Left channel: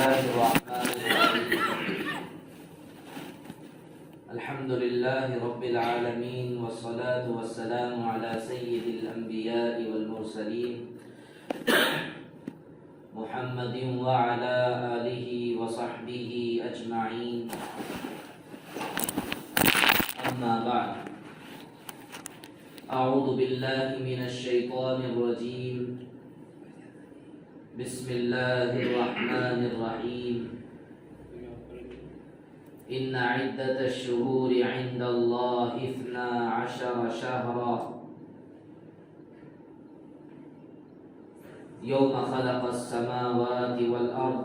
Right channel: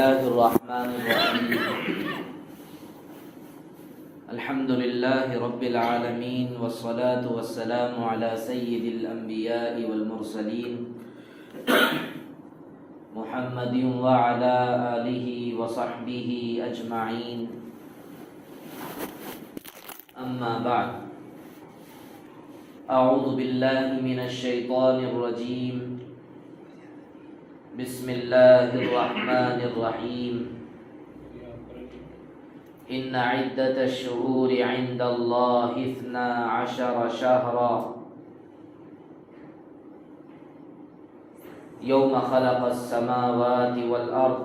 الله الرحمن الرحيم الحمد لله رب العالمين والصلاة والسلام على سيد الأنبياء والمرسلين محمد وعلى آله وصحبه أجمعين أما بعد أعوذ بالله من الشيطان الرجيم بسم الله الرحمن الرحيم إن عدة الشهور عند الله 12 شهرا يوم خلق السماوات والأرض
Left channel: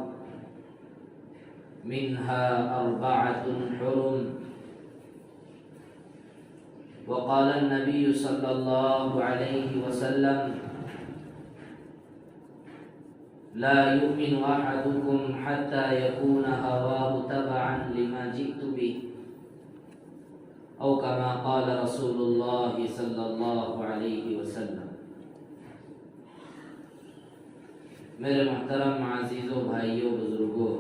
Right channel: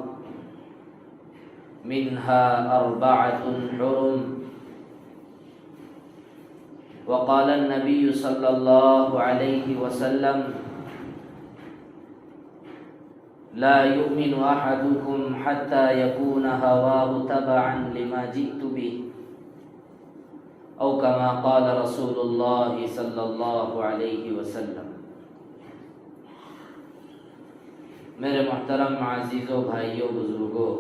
منها 4 حرم وقال النبي صلى الله عليه وسلم لا يؤمن أحدكم حتى يكون هواه تبعا لما جئت به أو كما قال رسول الله صلى الله عليه وسلم۔ میرے محترم عزیزوں، بھائیوں، بزرگوں،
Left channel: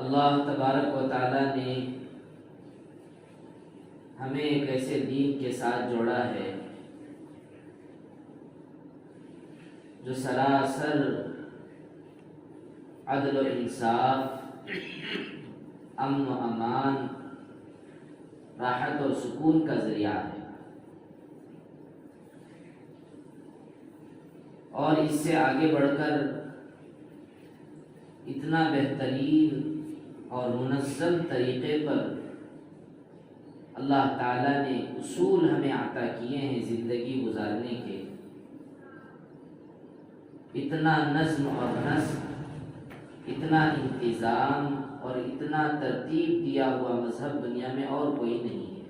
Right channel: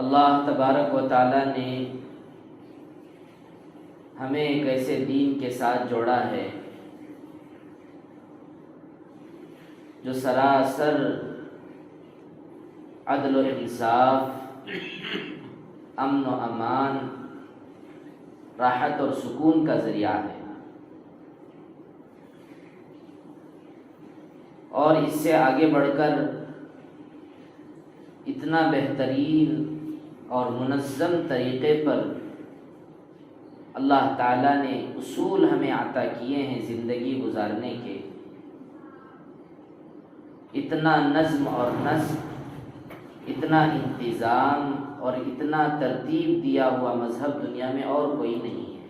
اللہ تبارک و تعالی نے ہمیں ایک ایسے دین کے ساتھ جوڑا ہے جو سراسر عدل و انصاف، امن و امان، راحت اور سکون کا ذریعہ ہے، اور اس سے آگے بڑھ کر اتنا بہترین اور منظم طریقے پر اللہ تعالیٰ نے اصول ہمیں عطا کیے ہیں زندگی گزارنے کے۔ اتنا نظم اور نسق، اتنا انتظام اور اتنا ترتیب دیا ہوا مذہب دنیا میں اور کوئی نہیں ہے۔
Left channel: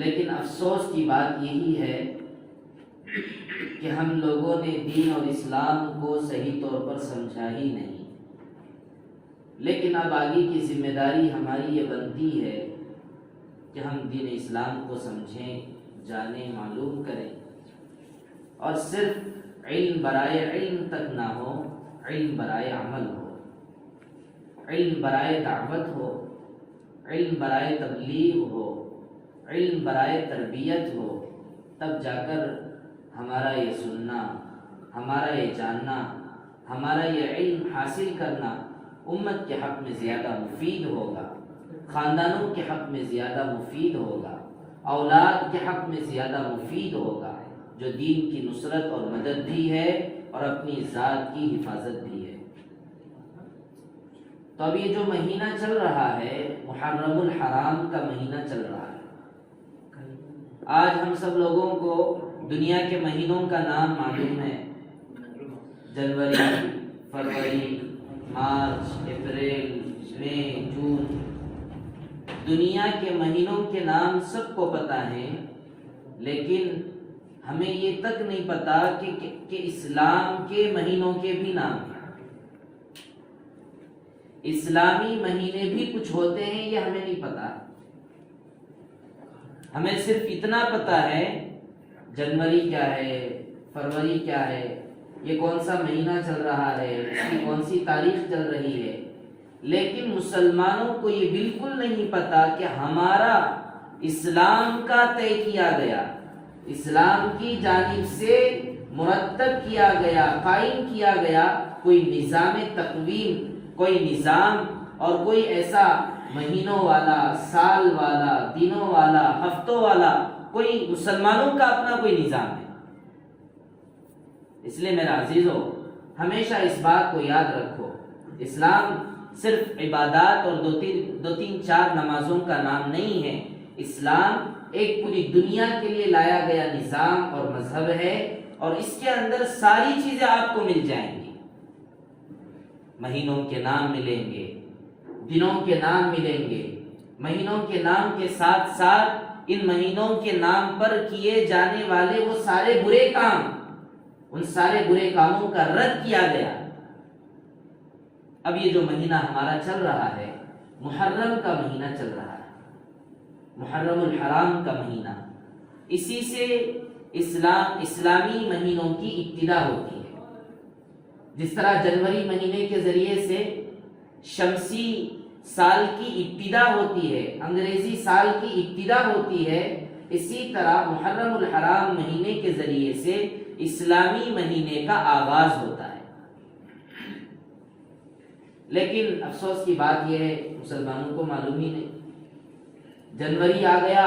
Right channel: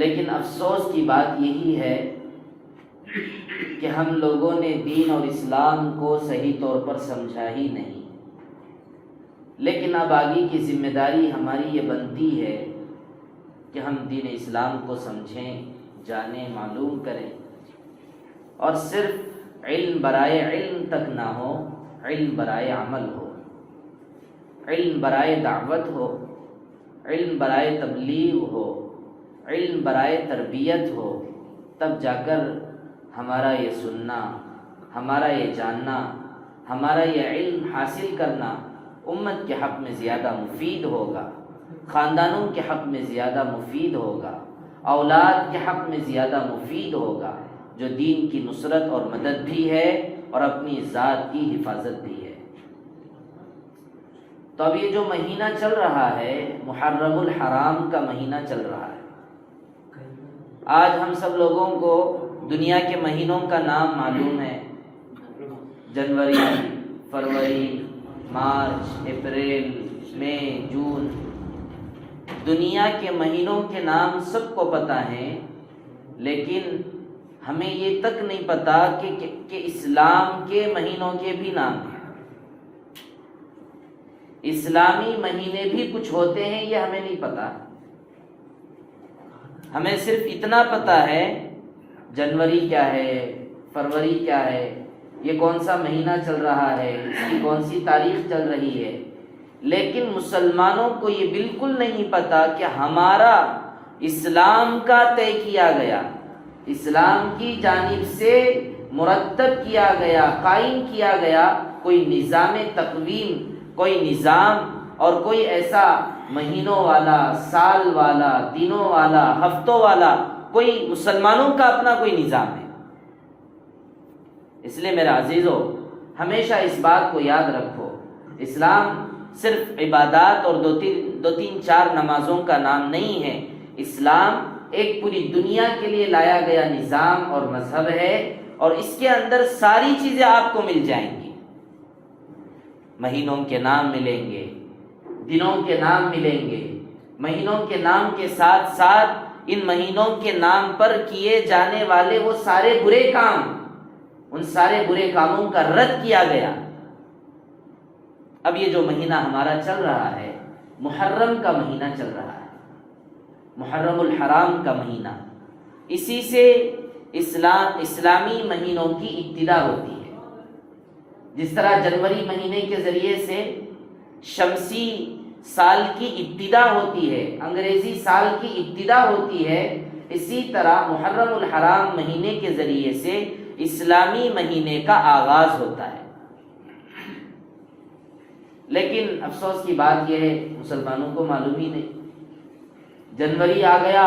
لیکن افسوس کی بات یہی ہے کہ ہم لوگوں نے دین اور اسلام کو صحیح طور پر سمجھا ہی نہیں۔ لیکن اب آگے کی ذمہ داری ہماری یہ بنتی ہے کہ ہم دین اسلام کو سمجھیں، جانیں، معلوم کریں، اور صرف علم برائے علم تک نہ ہو، علم برائے عمل ہو، علم برائے دعوت ہو، علم برائے تبلیغ ہو، علم برائے تربیت ہو، تب جا کر ہمارا یہ سننا، ہمارا یہ جاننا، ہمارا یہ علم حاصل کرنا امت کے حق میں زیادہ مفید ہوگا، خاندانوں کے حق میں زیادہ مفید ہوگا، اولاد کے حق میں زیادہ مفید ہوگا، جو دین کی نصرت اور مدد بھی ہے اور اپنی ذات کی حفاظت بھی ہے۔ تو اب یہ جو مہینہ چل رہا ہے، محرم الحرام کا مہینہ چل رہا ہے۔ آج ہم سب لوگوں کو دنیا کے مہینوں کا نام معلوم ہے: جنوری، فروری، مارچ، اپریل، مئی، جون۔ دنیا کے مہینوں کے نام سب کو پتہ ہیں، لیکن ہمیں یہ تک نہیں پتا کہ اسلام کے مہینوں کے بھی نام ہیں۔ اسلامی مہینے بھی کچھ ہوتے ہیں، یہ ہمیں نہیں پتا۔ ہمیں صرف اتنا پتا ہے جنوری کیا ہے، فروری کیا ہے، یہ کون سا مہینہ چل رہا ہے، اس کی کون سی تاریخ چل رہی ہے، لیکن مسلمانوں کو یہ بالکل نہیں پتا کہ ہمارا اسلام کا طے کیا گیا، اسلام کی جانب سے مرتب کیا گیا، قائم کیا گیا کوئی نظام تقویم، کوئی نظام اور کوئی ایسا مہینوں والا، سال والا، دنوں والا، ہفتوں والا کوئی مسلمانوں کا اپنا کوئی نظام ہے۔ اس لیے میرے عزیزو، ہمیشہ اس بات کو یاد رکھو، اسلام صرف عبادات اور دو تین چار نمازوں کا نام نہیں ہے۔ اسلام ایک پوری دنیا کے لیے لایا گیا نظام اور مذہب ہے، اور اس کے اندر ساری چیزیں آپ کو مل جائیں گی۔ مہینوں کے نام ملیں گے، دنوں کے نام ملیں گے، مہینوں کے نام کے ساتھ ساتھ ان مہینوں کے نام پر کیے جانے والے وہ سارے برے کام، ان سارے برے کاموں کا رد کیا گیا۔ اب یہ جو مہینہ ہمارا چل رہا ہے، محرم کا مہینہ چل رہا ہے، محرم الحرام کا مہینہ، اسی سے اسلامی مہینوں کی ابتدا ہوتی ہے. جس طرح جنوری مہینے کے ذریعے سے شمسی سال کی ابتدا ہوتی ہے، انگریزی سال کی ابتدا ہوتی ہے، اسی طرح محرم الحرام مہینے کے ذریعے سے اسلامی مہینے کا آغاز ہوتا ہے. لیکن افسوس کی بات یہ ہے مسلمانوں کو معلوم ہی نہیں. جنوری آ گیا،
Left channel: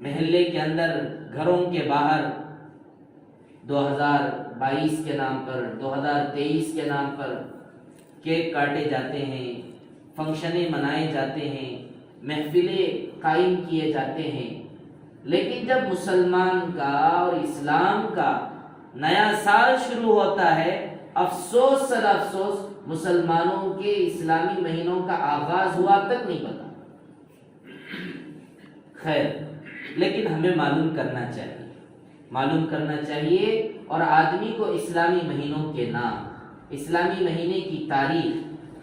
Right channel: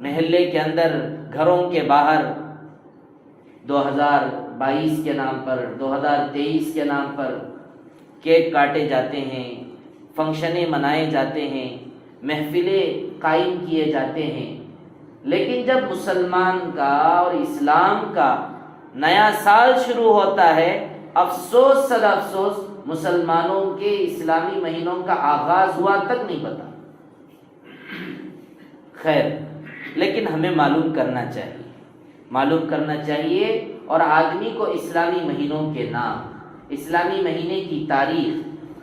محلے کے اندر، گھروں کے باہر 2022 کے نام پر، 2023 کے نام پر کیک کاٹے جاتے ہیں، فنکشنیں منائے جاتے ہیں، محفلیں قائم کیے جاتے ہیں. لیکن جب مسلمان کا اور اسلام کا نیا سال شروع ہوتا ہے، افسوس صد افسوس مسلمانوں کے اسلامی مہینوں کا آغاز ہوا تک نہیں پتا. خیر، لیکن ہمیں معلوم کرنا چاہیے اور آدمی کو اسلامی مہینوں کے نام، اسلامی مہینے کی تاریخ،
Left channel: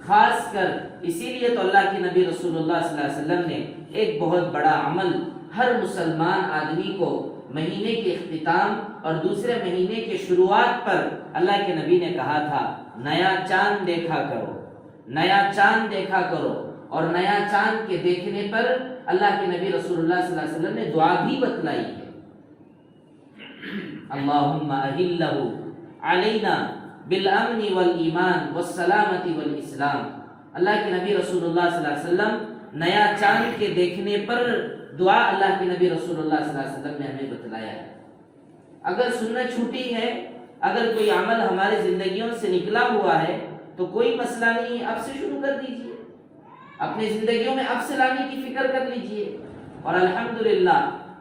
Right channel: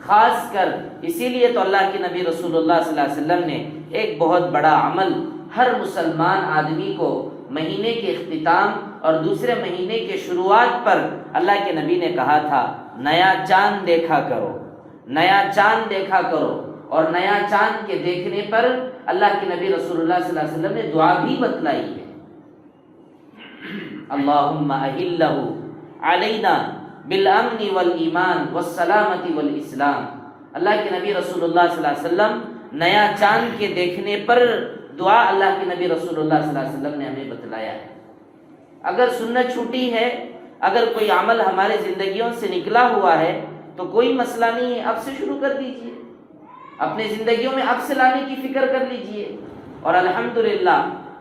خاص کر اسی لیے تو اللہ کے نبی رسول اللہ صلی اللہ علیہ وسلم نے ایک بہت بڑا عمل ہر مسلمان آدمی کو مہینے کے اختتام اور دوسرے مہینے کے شروعات پر اللہ کے نبی نے کہا تھا، نیا چاند دیکھا کرو، نیا چاند دیکھا کرو. اور نیا چاند کے دیکھنے پر اللہ کے نبی رسول اللہ صلی اللہ علیہ وسلم نے دعا بھی بتلائی ہے، اللہم اہلہ علینا بالامن والایمان والسلامت والاسلام. اللہ کے نبی رسول اللہ صلی اللہ علیہ وسلم نیا چاند کے دیکھنے پر دعا اللہ کے نبی رسول اللہ صلی اللہ علیہ وسلم نے ہمیں بتلایا ہے. اگر سنت چھوٹی ہے، اگر کوئی عمل ہمارے زندگیوں سے نکلا ہوا ہے تو کوئی مسئلہ نہیں ہے، اب سے شروع کر دیجئے، اپنے زندگیوں میں اب سے لانے کی فکر کر لیجئے. اور الحمدللہ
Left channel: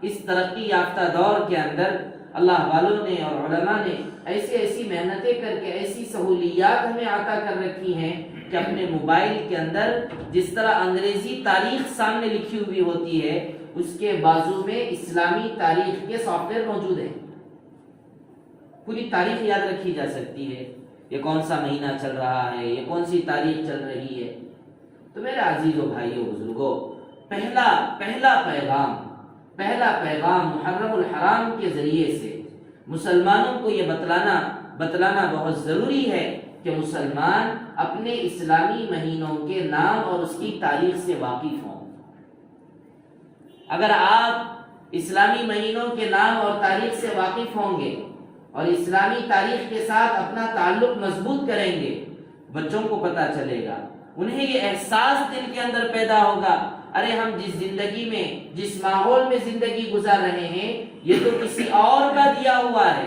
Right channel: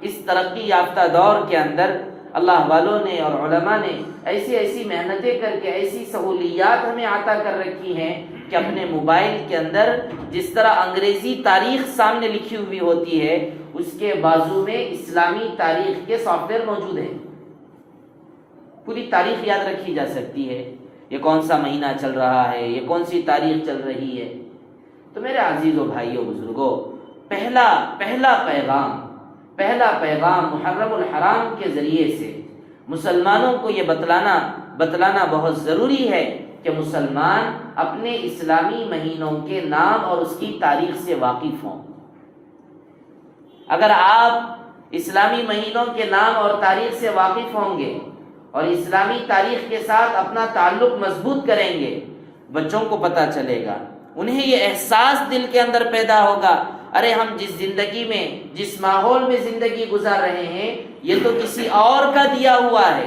اس ترقی یافتہ دور کے اندر اللہ والوں نے اور علماء نے ایسی محنتیں کر کے ایسی سہولیات ہمیں عطا کر رکھی ہیں کہ اپنے موبائل کے اندر جس طرح انگریزی تاریخ سامنے لکھی ہوئی ہوتی ہے، اس کے بازو میں اسلامی تاریخ کے سافٹ ویئر موجود ہیں. پوری تاریخ یاد رکھی جا سکتی ہے، یہ کون سا مہینہ چل رہا ہے، یہ کون سی تاریخ چل رہی ہے. تو میرے عزیزو بھائیو بزرگو، پہلا پیغام محرم الحرام کے ذریعے سے مسلمانوں کو یہ بتلانا بہت ضروری ہے کہ مسلمان اپنے اسلامی مہینوں کے نام اور اس کی تاریخ سے واقف ہوں. اگر آپ اسلامی مہینوں کے نام اور تاریخ سے واقف ہوں گے اور اسلامی تاریخ کے ساتھ اپنا تعلق مضبوط کریں گے، بچوں کو پتہ چلے گا، انہیں یہ احساس دل کے اندر پیدا ہوگا، ارے ہم جس زندگی میں، جس ماحول میں زندگی گزار رہے ہیں، یہ تو کسی اور کا دیا ہوا ہے،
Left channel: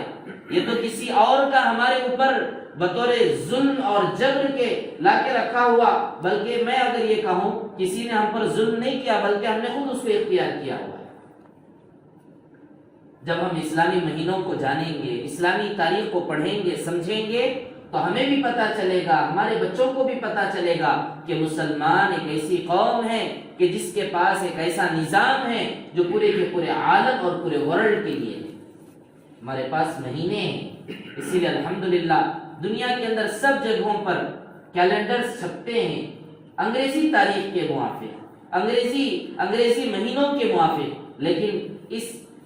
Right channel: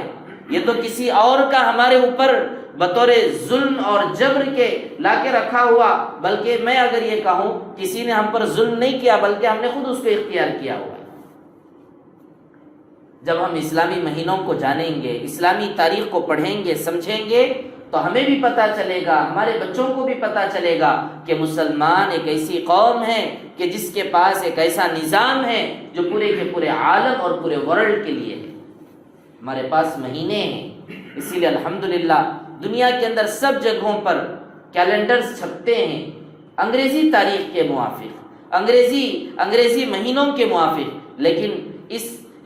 یہ تو کسی اور کا ہمارے اوپر بطور ظلم اور جبر کے لا کے رکھا ہوا، بلکہ میں اگر یہ کہوں کسی نے ہم پر ظلم نہیں کیا بلکہ ہم نے خود اس کو اختیار کیا ہوا ہے. جب ہم اسلامی مہینوں کو جانیں گے، اسلامی تاریخ کو پڑھیں گے، سمجھیں گے، تو ہمیں بھی پتہ چلے گا، ہمارے بچوں کو بھی پتہ چلے گا کہ مسلمان ایک ایسی قوم ہے کہ جس کے پاس ایک ایسا نظام ہے جو پورے کے پورے عالم اور پورے ورلڈ کے لیے ہے. ہمارے پاس مہینے ہیں، اسی لیے الحمدللہ دنیا کے اندر سب جگہوں پر کیلنڈرز چھپتے ہیں انگریزی تاریخ کے موافق، انگریزی مہینوں کے موافق. لیکن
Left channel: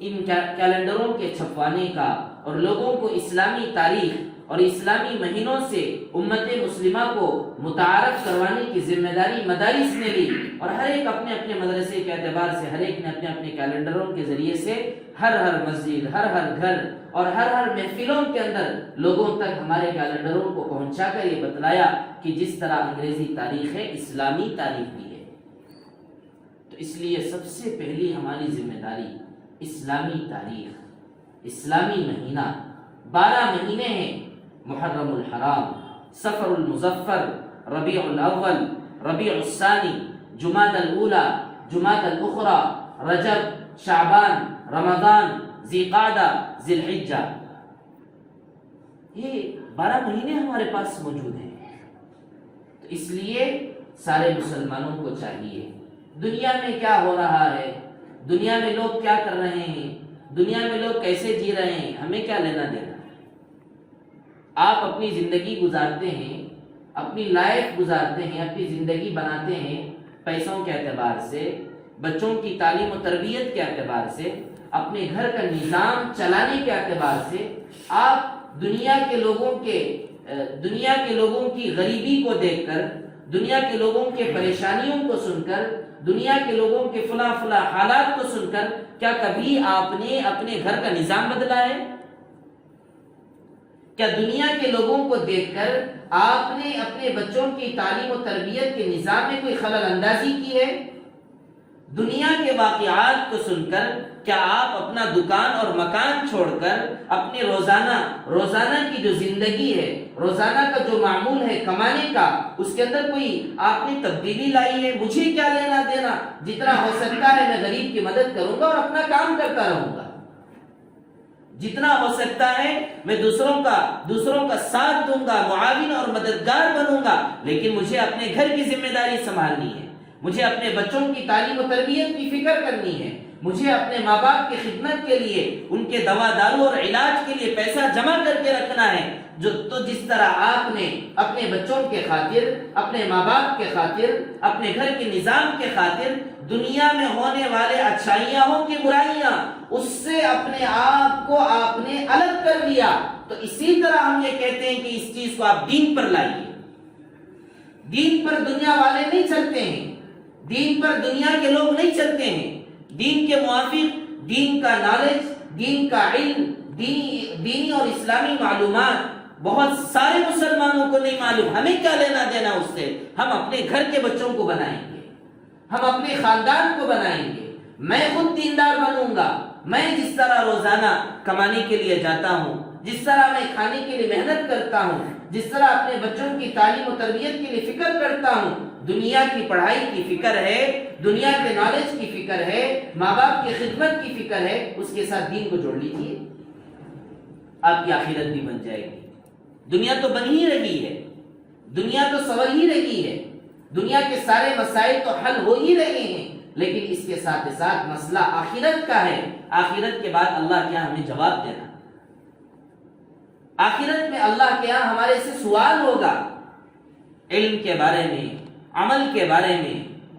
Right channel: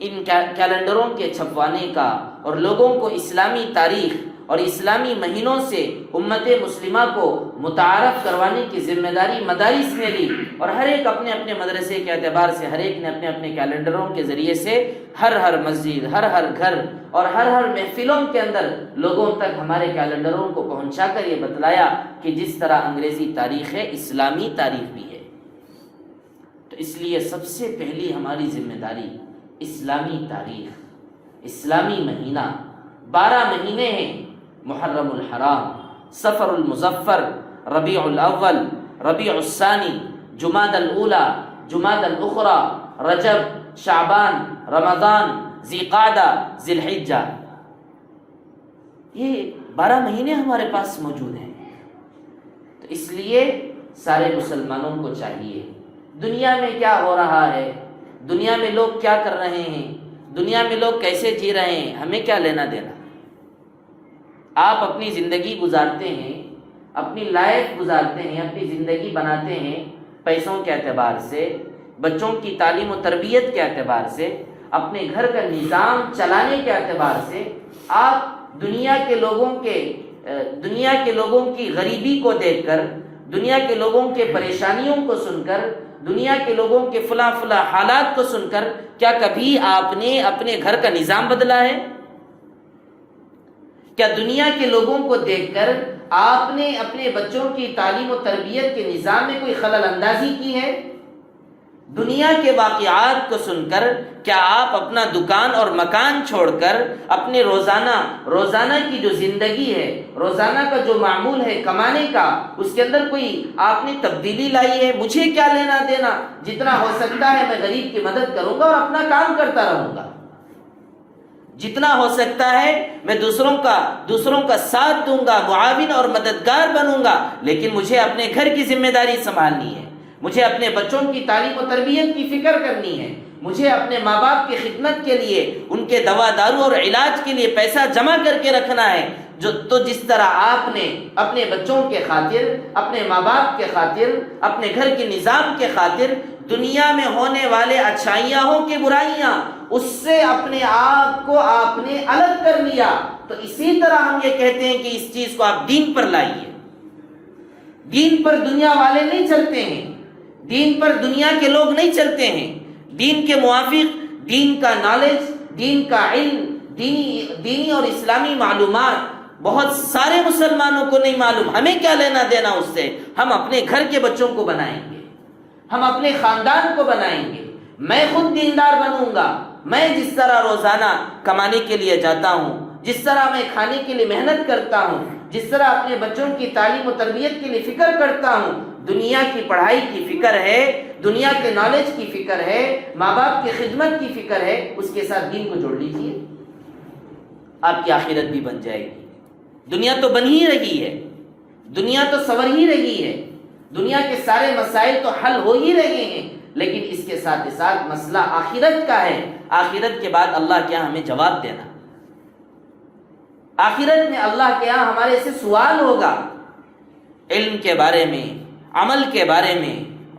ان کیلنڈروں کے چھپوانے کا اور لوگوں کو اسلامی تاریخ اور اسلامی مہینوں سے امت مسلمہ کو متعارف کروانے کی ذمہ داری مدارس نے لی، اور ہر ایک اپنے اپنے مدرسے کے اعتبار سے ہر ایک نے اپنے اپنے کیلنڈروں کے ذریعے سے ہر مسجد، ہر گھر اور ہر محفلوں کے اندر لوگوں تک ہمارے کیلنڈروں کو پہنچا کر یہ بتلایا کہ جس طرح انگریزی تاریخ ہے، اسلامی تاریخ بھی ہے. تو اس لیے سب سے پہلی ہماری ذمہ داری اسلامی تاریخ، اسلامی مہینہ. 12 مہینے ہیں، محرم الحرام، صفر المظفر، ربیع الاول، ربیع الثانی، جمادی الاولی، جمادی الاخری، رجب، شعبان، رمضان، ذیقعدہ، ذی الحجہ. یہ 12 مہینے ہمارے پاس موجود ہیں. تو اس لیے سارے مسلمانوں کو چاہیے، دنیا میں کیا ہو رہا ہے، دنیا میں لوگ کیا کر رہے ہیں، دنیا میں لوگ کیسے جی رہے ہیں، ہمیں کیا لینا دینا. آپ اپنی زندگی گزارتے ہیں، اپنی لائف گزارتے ہیں، اپنی زندگی بناتے ہیں پیسوں کے اعتبار سے، بچوں کی تعلیم و تربیت کے اعتبار سے. اپنے گھر کا نظام چلانے کے اعتبار سے آپ دنیا کے لوگوں کی غریبی کو دیکھ کر، دنیا کے لوگوں کے پریشانیوں کو سن کر، دنیا کے لوگوں کے فلاں حالات کو سن کر کیا کبھی آپ نے اپنے گھر کا نظام بدلا ہے؟ کیا دنیا کے لوگوں کو دیکھ کر آپ نے اپنے بچوں کی تعلیم و تربیت کے نظام میں کوئی خلل اندازی کی ہے؟ دنیا کے واقعات کو سن کر کیا آپ اپنا دکان اور مکان چھوڑ کر اپنے روزانہ کی جو زندگی ہے، روزانہ کا جو معمول ہے کمانے کا، اس کے اندر کوئی آپ نے تبدیلی لائی ہے؟ مجھے کیا لینا دینا، جتنا ہو سکتا ہے میں غریب کی مدد کروں گا اور اپنا کام کرتا رہوں گا، جتنا ہو سکتا ہے میں دوسروں کا ساتھ دوں گا، معاون اور مددگار بنوں گا، لیکن مجھے اپنے گھر کی ذمہ داری سنبھالنی ہے، مجھے اپنے بچوں کی تعلیم و تربیت کی فکر کرنی ہے، مجھے اپنے ماں باپ کی خدمت کے لیے، ان کے دوا دارو اور علاج کے لیے پیسہ جمع کر کے رکھنا ہے۔ تو جس طرح آپ نے اپنے بچوں کے خاطر، اپنے ماں باپ کے خاطر، اپنے گھر کے نظام کے خاطر دنیا میں ہونے والے اچھائیاں ہوں کہ برائیاں، اس سے اپنے آپ کو آپ نے الگ کر لیا، تو اسی طرح ہم یہ کہتے ہیں کہ اس چیز کو آپ دین پر لائیے۔ دین پر دنیا والے نہیں چلتے ہیں، دین پر دنیا کے لوگ نہیں چلتے ہیں، دین کے موافق دین کا نالج، دین کا علم، دینی اور اسلامی معلومات بہت سارے مسلمانوں کو نہیں معلوم۔ ہمیں کیا لینا دینا اس سے؟ ہم اپنے گھر کے بچوں کو بنائیں گے، ہم اپنے خاندان کو بنائیں گے، میں خود دیندار بنوں گا، میں جس طرح روزانہ کمانے کے لیے جاتا ہوں، جس طرح میں کھانے کے لیے محنت کرتا ہوں، جس طرح اپنے بچوں کی تعلیم و تربیت کے لیے فکر کرتا ہوں، دنیا کی پڑھائی کی فکر ہے، دنیا کے نالج کی فکر ہے، ماں باپ کی خدمت کی فکر ہے، اس کے ساتھ دین کو جوڑ لیجئے، آپ کی آخرت بھی بن جائے گی۔ دنیا تو بن ہی رہی ہے، دنیا تو سنور ہی رہی ہے، دنیا کے سارے مسائل تو حل ہو ہی رہے ہیں، لیکن اس کے ساتھ ساتھ مسئلہ آخرت کا ہے۔ آخرت کے بعد اللہ کیا ہمیں جواب دینا، آخرت میں اللہ کے یہاں ہمارے سے سوال ہوگا، علم کے بارے میں، عمل کے بارے میں،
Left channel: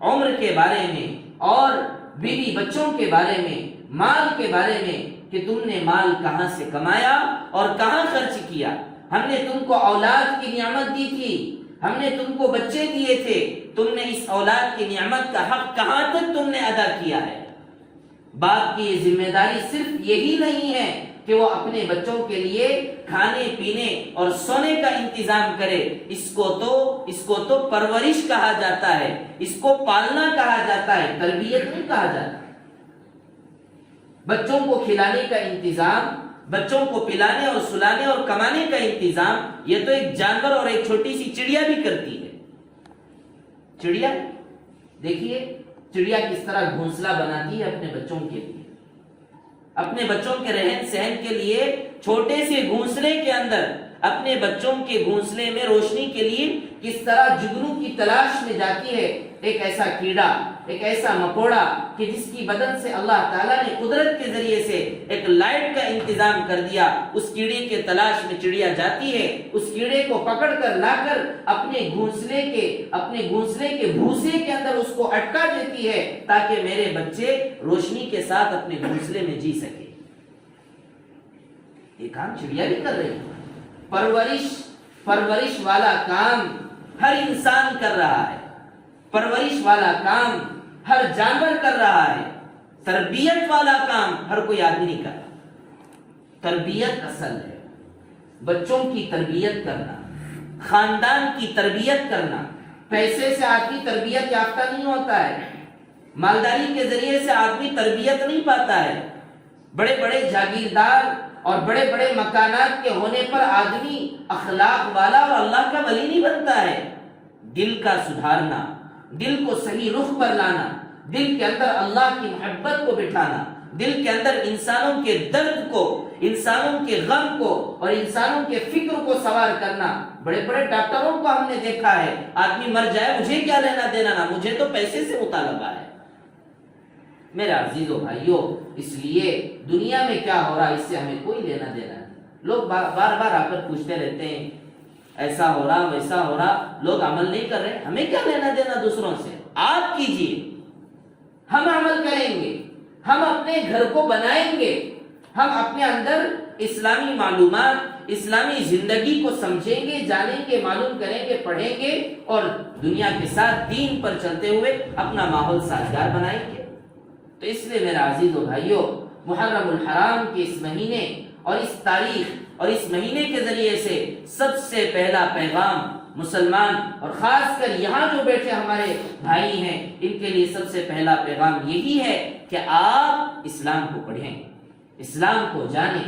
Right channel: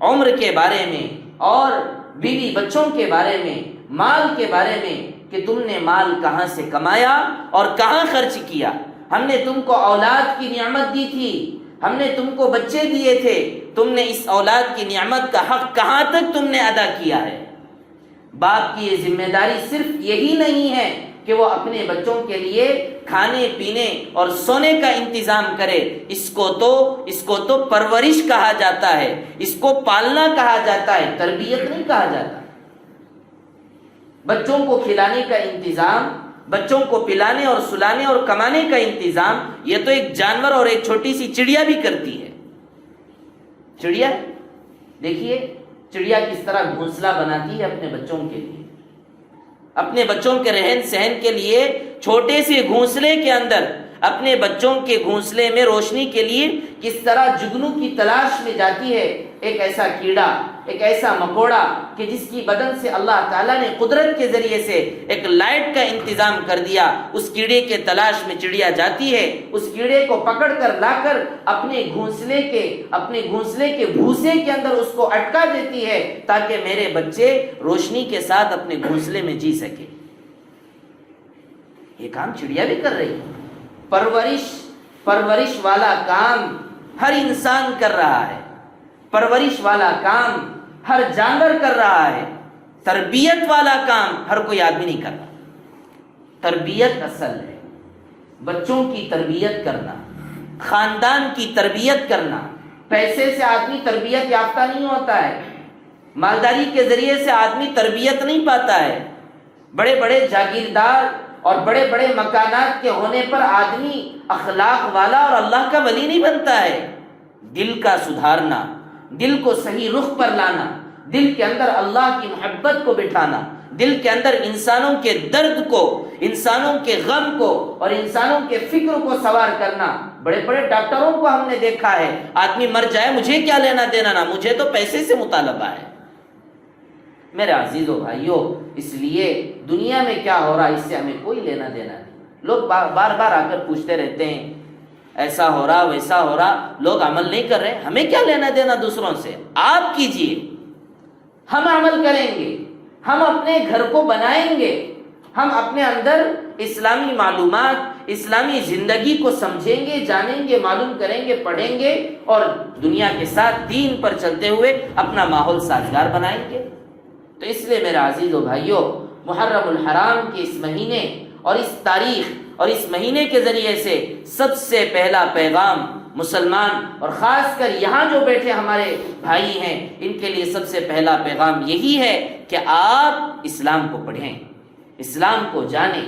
عمر کے بارے میں، اور بیوی بچوں کے بارے میں، مال کے بارے میں، کہ تم نے مال کہاں سے کمایا اور کہاں خرچ کیا، ہم نے تم کو اولاد کی نعمت دی تھی، ہم نے تم کو بچے دیے تھے، تم نے اس اولاد کی نعمت کا حق کہاں تک تم نے ادا کیا ہے۔ باپ کی یہ ذمہ داری صرف یہی نہیں ہے کہ وہ اپنے بچوں کے لیے کھانے پینے اور سونے کا انتظام کرے، اس کو تو پرورش کہا جاتا ہے، اس کو پالنا کہا جاتا ہے، تربیت نہیں کہا جاتا۔ بچوں کو کھلانے کا انتظام، بچوں کو پلانے اور سلانے اور کمانے کا انتظام، یہ تو ایک جانور اور ایک چھوٹی سی چڑیا بھی کرتی ہے۔ چڑیا دیکھیے، چڑیا کس طرح گھونسلہ بناتی ہے اپنے بچوں کے لیے، اپنے بچوں کے رہن سہن کے لیے چھوٹے سے گھونسلے کے اندر، اپنے بچوں کے گھونسلے میں روشنی کے لیے کس طرح جگنو کی تلاش میں جاتی ہے، ایک ایسا کیڑا، ایک ایسا مکوڑا کہ جس کی بدن سے اللہ تعالیٰ نے قدرت کے ذریعے سے ایک لائٹ کا انتظام کر دیا، اس کیڑے کے تلاش میں چڑیا جاتی ہے، اس کیڑے کو پکڑ کر لا کر اپنے گھونسلے کے بھوسے کے اندر اس کو اٹکا دیتی ہے، تاکہ میرے بچے روشنی کے ساتھ اپنے گھونسلے میں جی سکے۔ یہ کام چڑیا بھی کر رہی ہے۔ پرورش والا کام ہر انسان کر رہا ہے، پرورش والا کام ہر جانور کر رہا ہے، تربیت والا کام ہر کوئی آدمی نہیں کرتا۔ تربیت اصل ہے، بچوں کی تربیت کرنا، خاندان کی تربیت کرنا۔ پیسے سے آدمی تربیت یافتہ نہیں ہوتا ہے، مالداری کے ذریعے سے آدمی تربیت نہیں پاتا ہے، بڑے بڑے جاگیردار اور بڑے بڑے مکانات کے ہونے پر آدمی اخلاق والا اور اللہ کا ولی نہیں بنتا ہے۔ دل کا سدھارنا، دل کو صحیح رخ پر لانا، دل کے اندر اللہ کی محبت کو بٹھانا، دل کے اندر انسانوں کے درد کو، انسانوں کے غم کو اور انسانوں کے فکر کو سوار کرنا۔ بڑے بڑے ڈاکٹروں کو ہم نے دیکھا ہے، آدمی مر جائے مجھے کیا لینا دینا، نا مجھے تو پیسے سے مطالبہ ہے۔ میرے عزیزو بھائیو، اس لیے دنیا میں کیا ہو رہا ہے اس سے ہمیں کوئی لینا دینا نہیں۔ لوگ بار بار آ کر پوچھتے رہتے ہیں ایسا ہو رہا ویسا ہو رہا، لوگ عمل نہیں کر رہے، ہمیں کیا لینا دینا دوسروں سے؟ آپ کیجئے، ہم عمل کریں گے، ہم اپنے گھر کو بنائیں گے، ہم اپنے اندر اسلامی معلومات، اسلامی زندگی کو سمجھیں گے، جانیں گے، معلوم کریں گے، پڑھیں گے، اور دنیا کے ساتھ دین پر چلتے ہوئے اپنا ماحول سازگار بنائیں گے۔ تو اس لیے میرے عزیز و بھائیوں، محرم الحرام کے اس مہینے اور اس تاریخ اور اس مہینے کے ذریعے سے سب سے پہلا پیغام مسلمان اور خاص کر یہاں جو بیٹھے ہمارے بھائی ہیں، ان کے لیے سب سے پہلا پیغام یہی ہے کہ آپ اسلام کو پڑھیں، اسلام کو جانیں،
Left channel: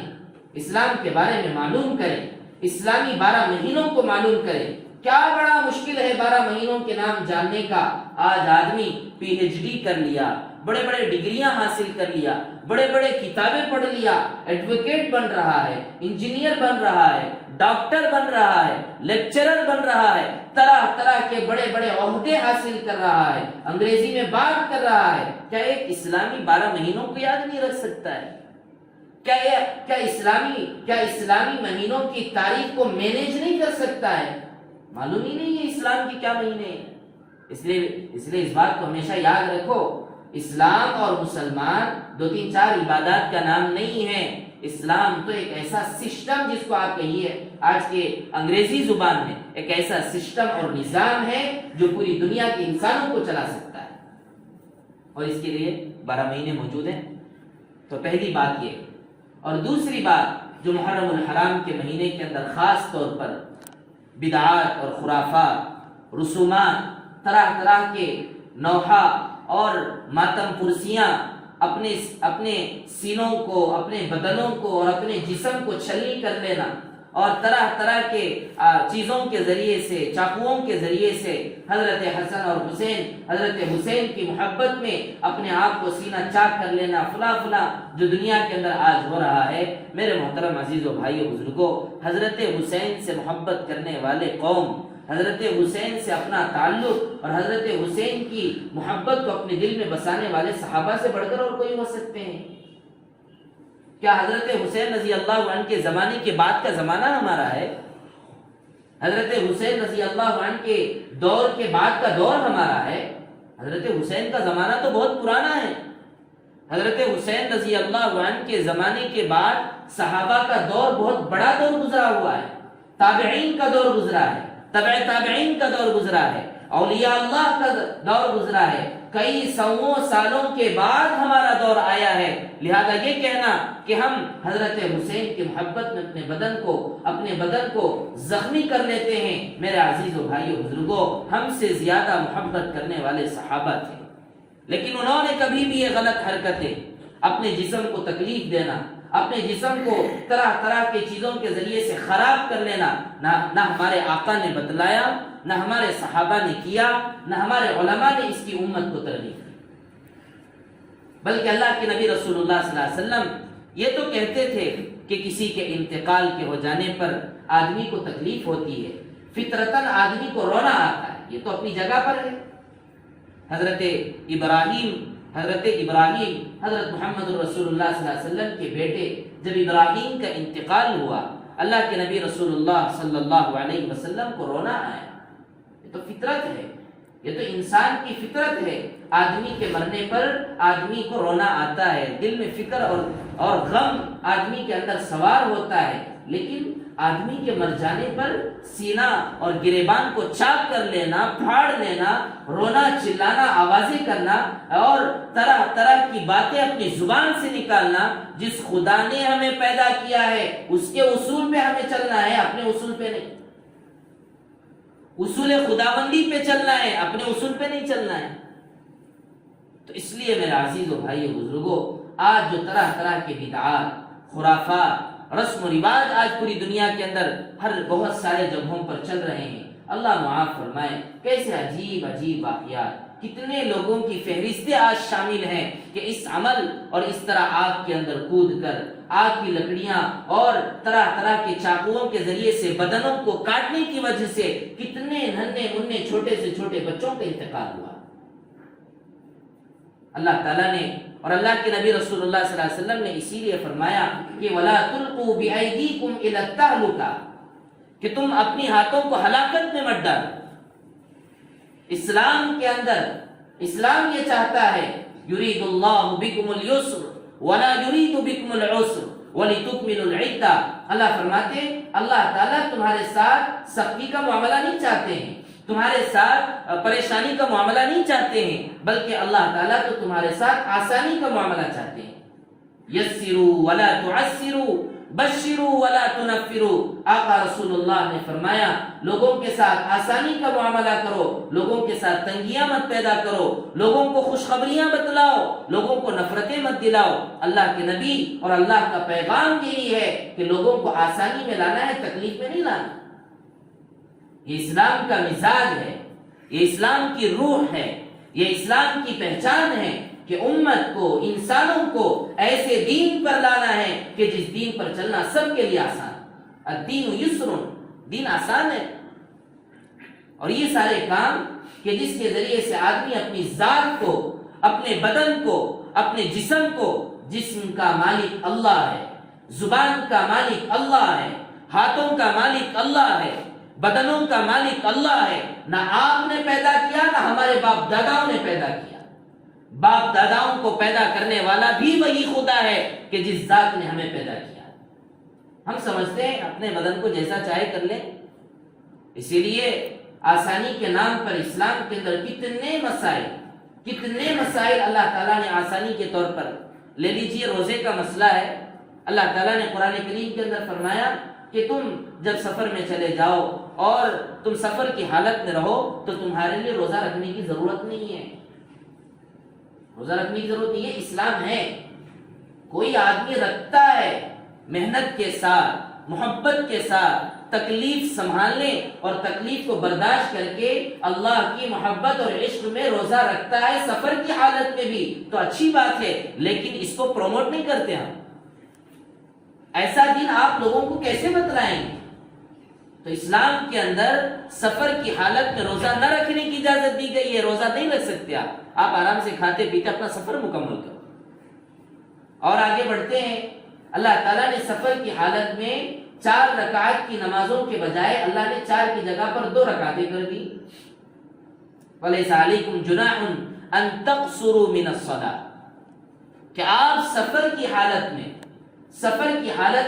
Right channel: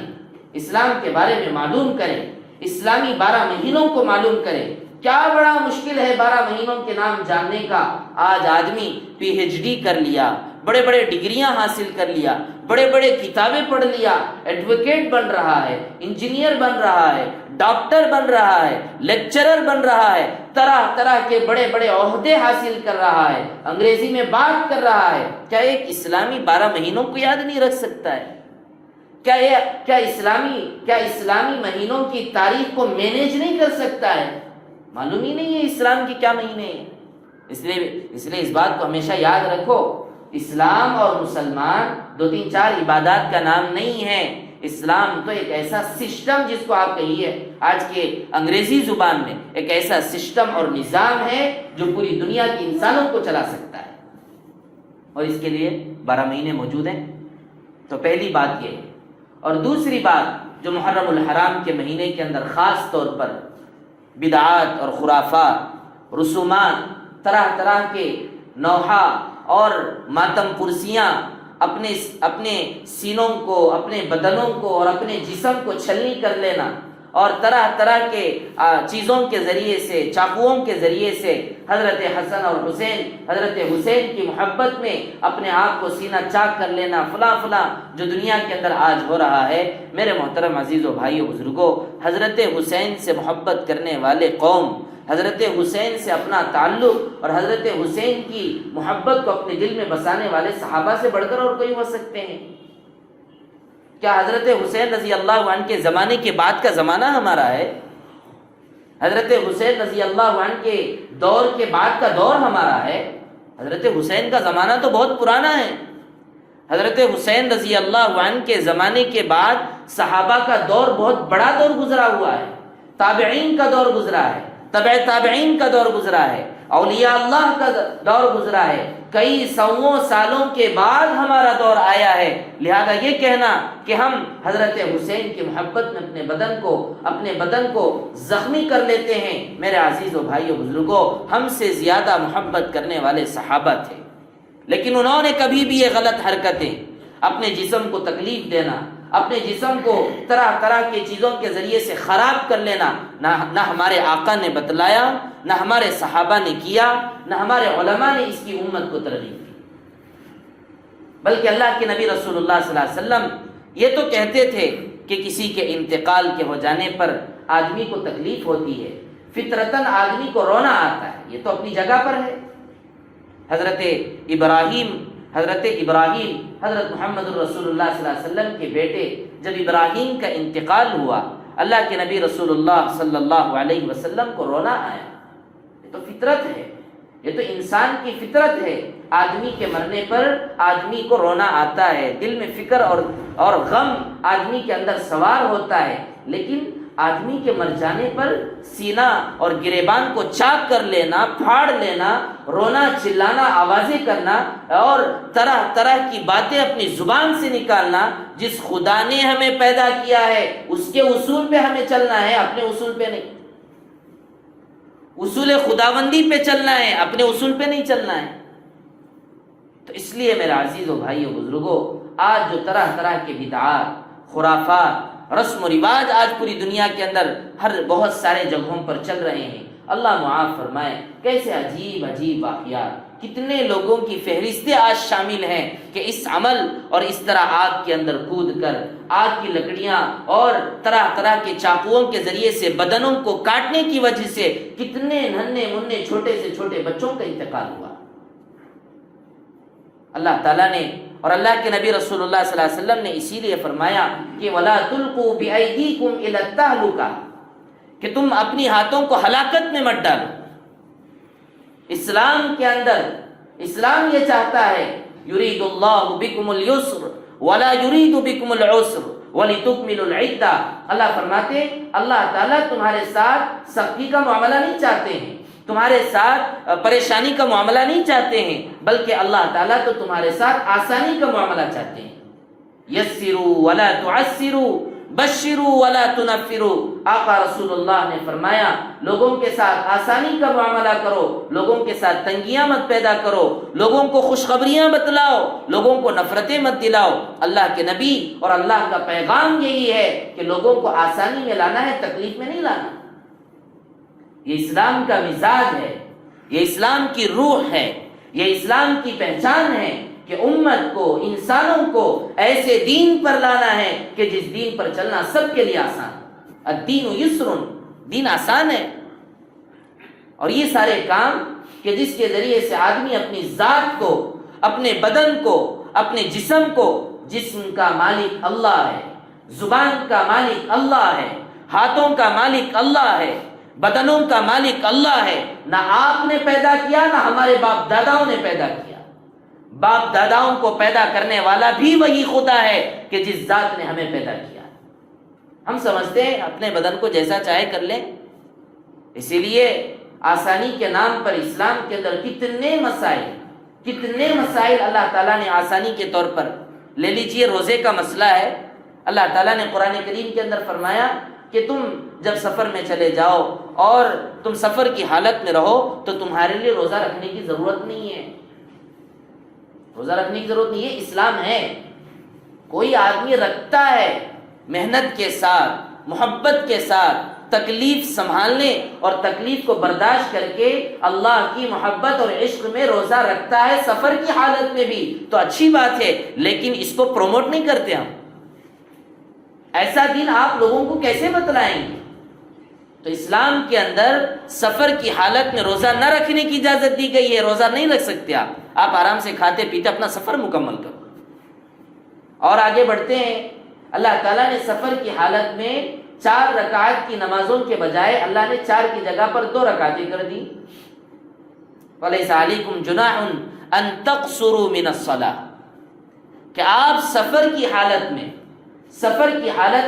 اسلام کے بارے میں معلوم کریں، اسلامی 12 مہینوں کو معلوم کریں۔ کیا بڑا مشکل ہے 12 مہینوں کے نام جاننے کا۔ آج آدمی PhD کر لیا، بڑے بڑے ڈگریاں حاصل کر لیا، بڑے بڑے کتابیں پڑھ لیا، ایڈوکیٹ بن رہا ہے، انجینئر بن رہا ہے، ڈاکٹر بن رہا ہے، لیکچرر بن رہا ہے، طرح طرح کے بڑے بڑے عہدے حاصل کر رہا ہے، انگریزی میں بات کر رہا ہے۔ کیا ایک اسلامی 12 مہینوں کو یاد نہیں رکھ سکتا ہے؟ کیا اسلامی مہینوں کی تاریخ کو مینیج نہیں کر سکتا ہے؟ معلوم ہی نہیں ہے اسلام کی کیا مہینے ہیں۔ اس لیے اس بات کو ہمیشہ یاد رکھو، اسلام اور مسلمان 2 3 4 عبادات کا نام نہیں ہے۔ اسلام تو ایک ایسا سسٹم، جس کو آپ کہیے آج کے انگریزی زبان میں، ایک ایسا سسٹم اور نظام ہے جو پوری دنیا کے انسانوں کو چلا سکتا ہے، اور اس کے لیے 12 مہینے موجود ہیں۔ تو پہلی بات یہ ہے۔ اور دوسری بات جو محرم الحرام کے مہینے کے اندر خاص طور پر بدعات اور خرافات، رسومات، طرح طرح کے نوحہ اور ماتم پرسیاں اپنے سینوں کو، اپنے بدنوں کو اور اپنے جسم کو چھلنی کر لینا، اور طرح طرح کے چیزوں کے ذریعے سے، چاقوؤں کے ذریعے سے حضرت حسن اور حضرت حسین کی محبت میں اپنے آپ کو سینہ چاک کر لینا، فلاں جو دنیا کے اندر آج ہو رہا ہے۔ میرے محترم عزیزو بھائیو بزرگوں، حضرت حسین سے محبت کرنے والے قوم، حضرت حسین سے اپنا تعلق اور حضرت حسین کی محبت کو اپنے دل میں بسانے والے صحابہ سے بڑھ کر اور کوئی ہو سکتے ہیں؟ کیا حضرت حسین رضی اللہ عنہ کے زمانے کے بعد کا زمانہ ہمارا ہے؟ حضرت حسین رضی اللہ عنہ کے دور کے بعد کا دور ہمارا ہے؟ حضرت حسین کا زمانہ تو بہت پرانا ہے۔ حضرت حسین رضی اللہ عنہ کے زمانے کے بعد صحابہ کا دور بہت بڑا دور گزرا ہوا ہے، تابعین کا دور گزرا ہے، تبع تابعین کا دور گزرا ہے، اولیاء اللہ کا دور گزرا ہے۔ کئی سووں سالوں کے بعد ہمارا دور آیا ہے۔ لہذا یہ کہنا کہ ہم حضرت حسین کی محبت میں اپنے بدن کو زخمی کر لیتے ہیں، میرے عزیزو بھائیو بزرگوں، ہم سے زیادہ محبت کرنے والے صحابہ تھے، لیکن انہوں نے کبھی بھی یہ غلط حرکتیں، اپنے جسم کو تکلیف دینا، اپنے جسم کو طرح طرح کی چیزوں کے ذریعے سے خراب کر لینا، نہ ہمارے آقا نے بتلایا، نہ ہمارے صحابہ نے کیا، نہ ہمارے علماء نے اس کی امت کو ترغیب دی، بلکہ اللہ کے نبی رسول اللہ صلی اللہ علیہ وسلم یہ تو کہتے تھے کہ کسی کے انتقال کے ہو جانے پر آدمی کو تکلیف ہوتی ہے، فطرتاً آدمی کو رونا آتا ہے، یہ تو اپنی جگہ پر ہے۔ حضرت ابراہیم حضرت محمد رسول اللہ صلی اللہ علیہ وسلم کے بیٹے، جب ابراہیم کا انتقال ہوا، اللہ کے نبی رسول اللہ صلی اللہ علیہ وسلم کو رونا آیا۔ یہ تو فطرت ہے، یہ تو انسان کی فطرت ہے، آدمی کے مرنے پر آدمی کو رونا آتا ہے، دل میں فکر اور غم آدمی کے اندر سوار ہوتا ہے، لیکن آدمی کے مر جانے پر سینہ اور گریبان کو چاک کر لینا، پھاڑ لینا، رونا، چلانا، آوازیں کرنا اور طرح طرح کی باتیں اپنی زبان سے نکالنا، جس خدا نے ہمیں پیدا کیا ہے اس کے اصول پہ ہمیں چلنا ہے، اپنے اصول پہ نہیں۔ اصول خداوندی پہ چلنا ہے، اپنے اصول پہ نہیں چلنا ہے۔ تو اس لیے میرے عزیزو بھائیو بزرگوں، آج جو طرح طرح کے بدعات، خرافات، رسم و رواج آج پوری دنیا کے اندر بہت سارے جگہوں پر چل رہے ہیں، اللہ معاف فرمائے، کیسے عجیب عجیب واقعات، کتنے لوگوں کی فہرستیں آج شامل ہیں کہ اس عمل اور اس طرح آگ کے اندر کود کر آگ کی لکڑیاں اور طرح طرح کے چاقوؤں کے ذریعے سے بدنوں کو کاٹنے کی وجہ سے کتنے ننھے منھے چھوٹے سے چھوٹے بچوں کا انتقال ہوا۔ اللہ تعالیٰ نے اور اللہ کے نبی رسول اللہ صلی اللہ علیہ وسلم نے اسی لیے فرمایا کہ وَلَا تُلْقُوا بِأَيْدِيكُمْ إِلَى التَّهْلُكَةِ، کہ تم اپنی ہاتھوں کو ہلاکت میں مت ڈالو۔ اسلام کے اندر اسلام یہ چاہتا ہے یرید اللہ بکم اليسر ولا یرید بکم العسر وَلِتُكْمِلُوا الْعِدَّةَ، اللہ فرماتے اللہ تعالیٰ تمہارے ساتھ سختی کا معاملہ نہیں چاہتے ہیں، تمہارے ساتھ پریشانی کا معاملہ نہیں چاہتے ہیں، بلکہ اللہ تعالیٰ تو تمہارے ساتھ آسانی کا معاملہ چاہتے ہیں۔ یسروا ولا تعسروا بشروا ولا تنفروا، آقا رسول اللہ نے فرمایا لوگوں کے ساتھ آسانی کا معاملہ کرو، لوگوں کے ساتھ تنگیاں مت پیدا کرو، لوگوں کو خوشخبریاں بتلاؤ، لوگوں کو نفرتیں مت دلاؤ۔ اللہ کے نبی اور اللہ کا پیغام یہی ہے کہ لوگوں کو آسانی میں لانا ہے، تکلیف میں نہیں لانا۔ یہ اسلام کا مزاج ہے، یہ اسلام کی روح ہے، یہ اسلام کی پہچان ہے کہ امت کو، انسانوں کو ایسے دین پر لانا ہے کہ جس دین پر چلنا سب کے لیے آسان۔ الدین یسر، دین آسان ہے۔ اور یہ سارے کام کہ جس کے ذریعے سے آدمی اپنی ذات کو، اپنے بدن کو، اپنے جسم کو، جسم کا مالک اللہ ہے، زبان کا مالک اللہ ہے، ہاتھوں کا مالک اللہ ہے، بدنوں کا مالک اللہ ہے۔ نہ آپ نے پیدا کیا، نہ ہمارے باپ داداؤں نے پیدا کیا۔ باپ داداؤں کو پیدا کرنے والا بھی وہی خدا ہے کہ جس ذات نے ہمیں پیدا کیا۔ ہم سمجھتے ہیں اپنے بدن کو جیسا چاہے کر لیں، اسی لیے آسانی کے نام پر اسلام کے اندر کتنے مسائل اللہ تعالیٰ نے آسانی کے طور پر لے لیجئے۔ روزے کا مسئلہ ہے، اللہ تعالیٰ نے قرآن کریم کے اندر فرمایا کہ تم جب سفر میں چلے جاؤ اور تم سفر کی حالت میں رہو تو تمہارے لیے روزہ رکھنے کی ضرورت نہیں ہے، روزہ رکھنے کی ضرورت نہیں ہے، اسلام ہے۔ کوئی آدمی رکھتا ہے محنت کے ساتھ، محبت کے ساتھ، تکلیف سنبھالنے اور تکلیف کو برداشت کر کے اللہ کی محبت اور عشق میں روزہ رکھتا ہے سفر کی حالت میں بھی، تو اچھی بات ہے، لیکن اس کو پروموٹ نہیں کرتے ہم۔ ایسا دین آپ لوگوں کو کیسے بتلائیں گے؟ تو اسلام کے اندر سفر کی حالت میں روزہ نہ رکھنے کی اجازت دی گئی ہے، روزہ نہیں رکھ سکتے آپ آرام سے کھاتے پیتے اپنا سفر مکمل کرو۔ اور آگے بڑھتے ہیں، اللہ تعالیٰ نے سفر کی حالت میں 4 رکعت کی نمازوں کے بجائے اللہ نے 4 کی جگہ پر 2 رکعتیں کر دی۔ وَلَيْسَ عَلَيْكُمْ جُنَاحٌ أَن تَقْصُرُوا مِنَ الصَّلَاةِ، کہ آپ سفر کی حالت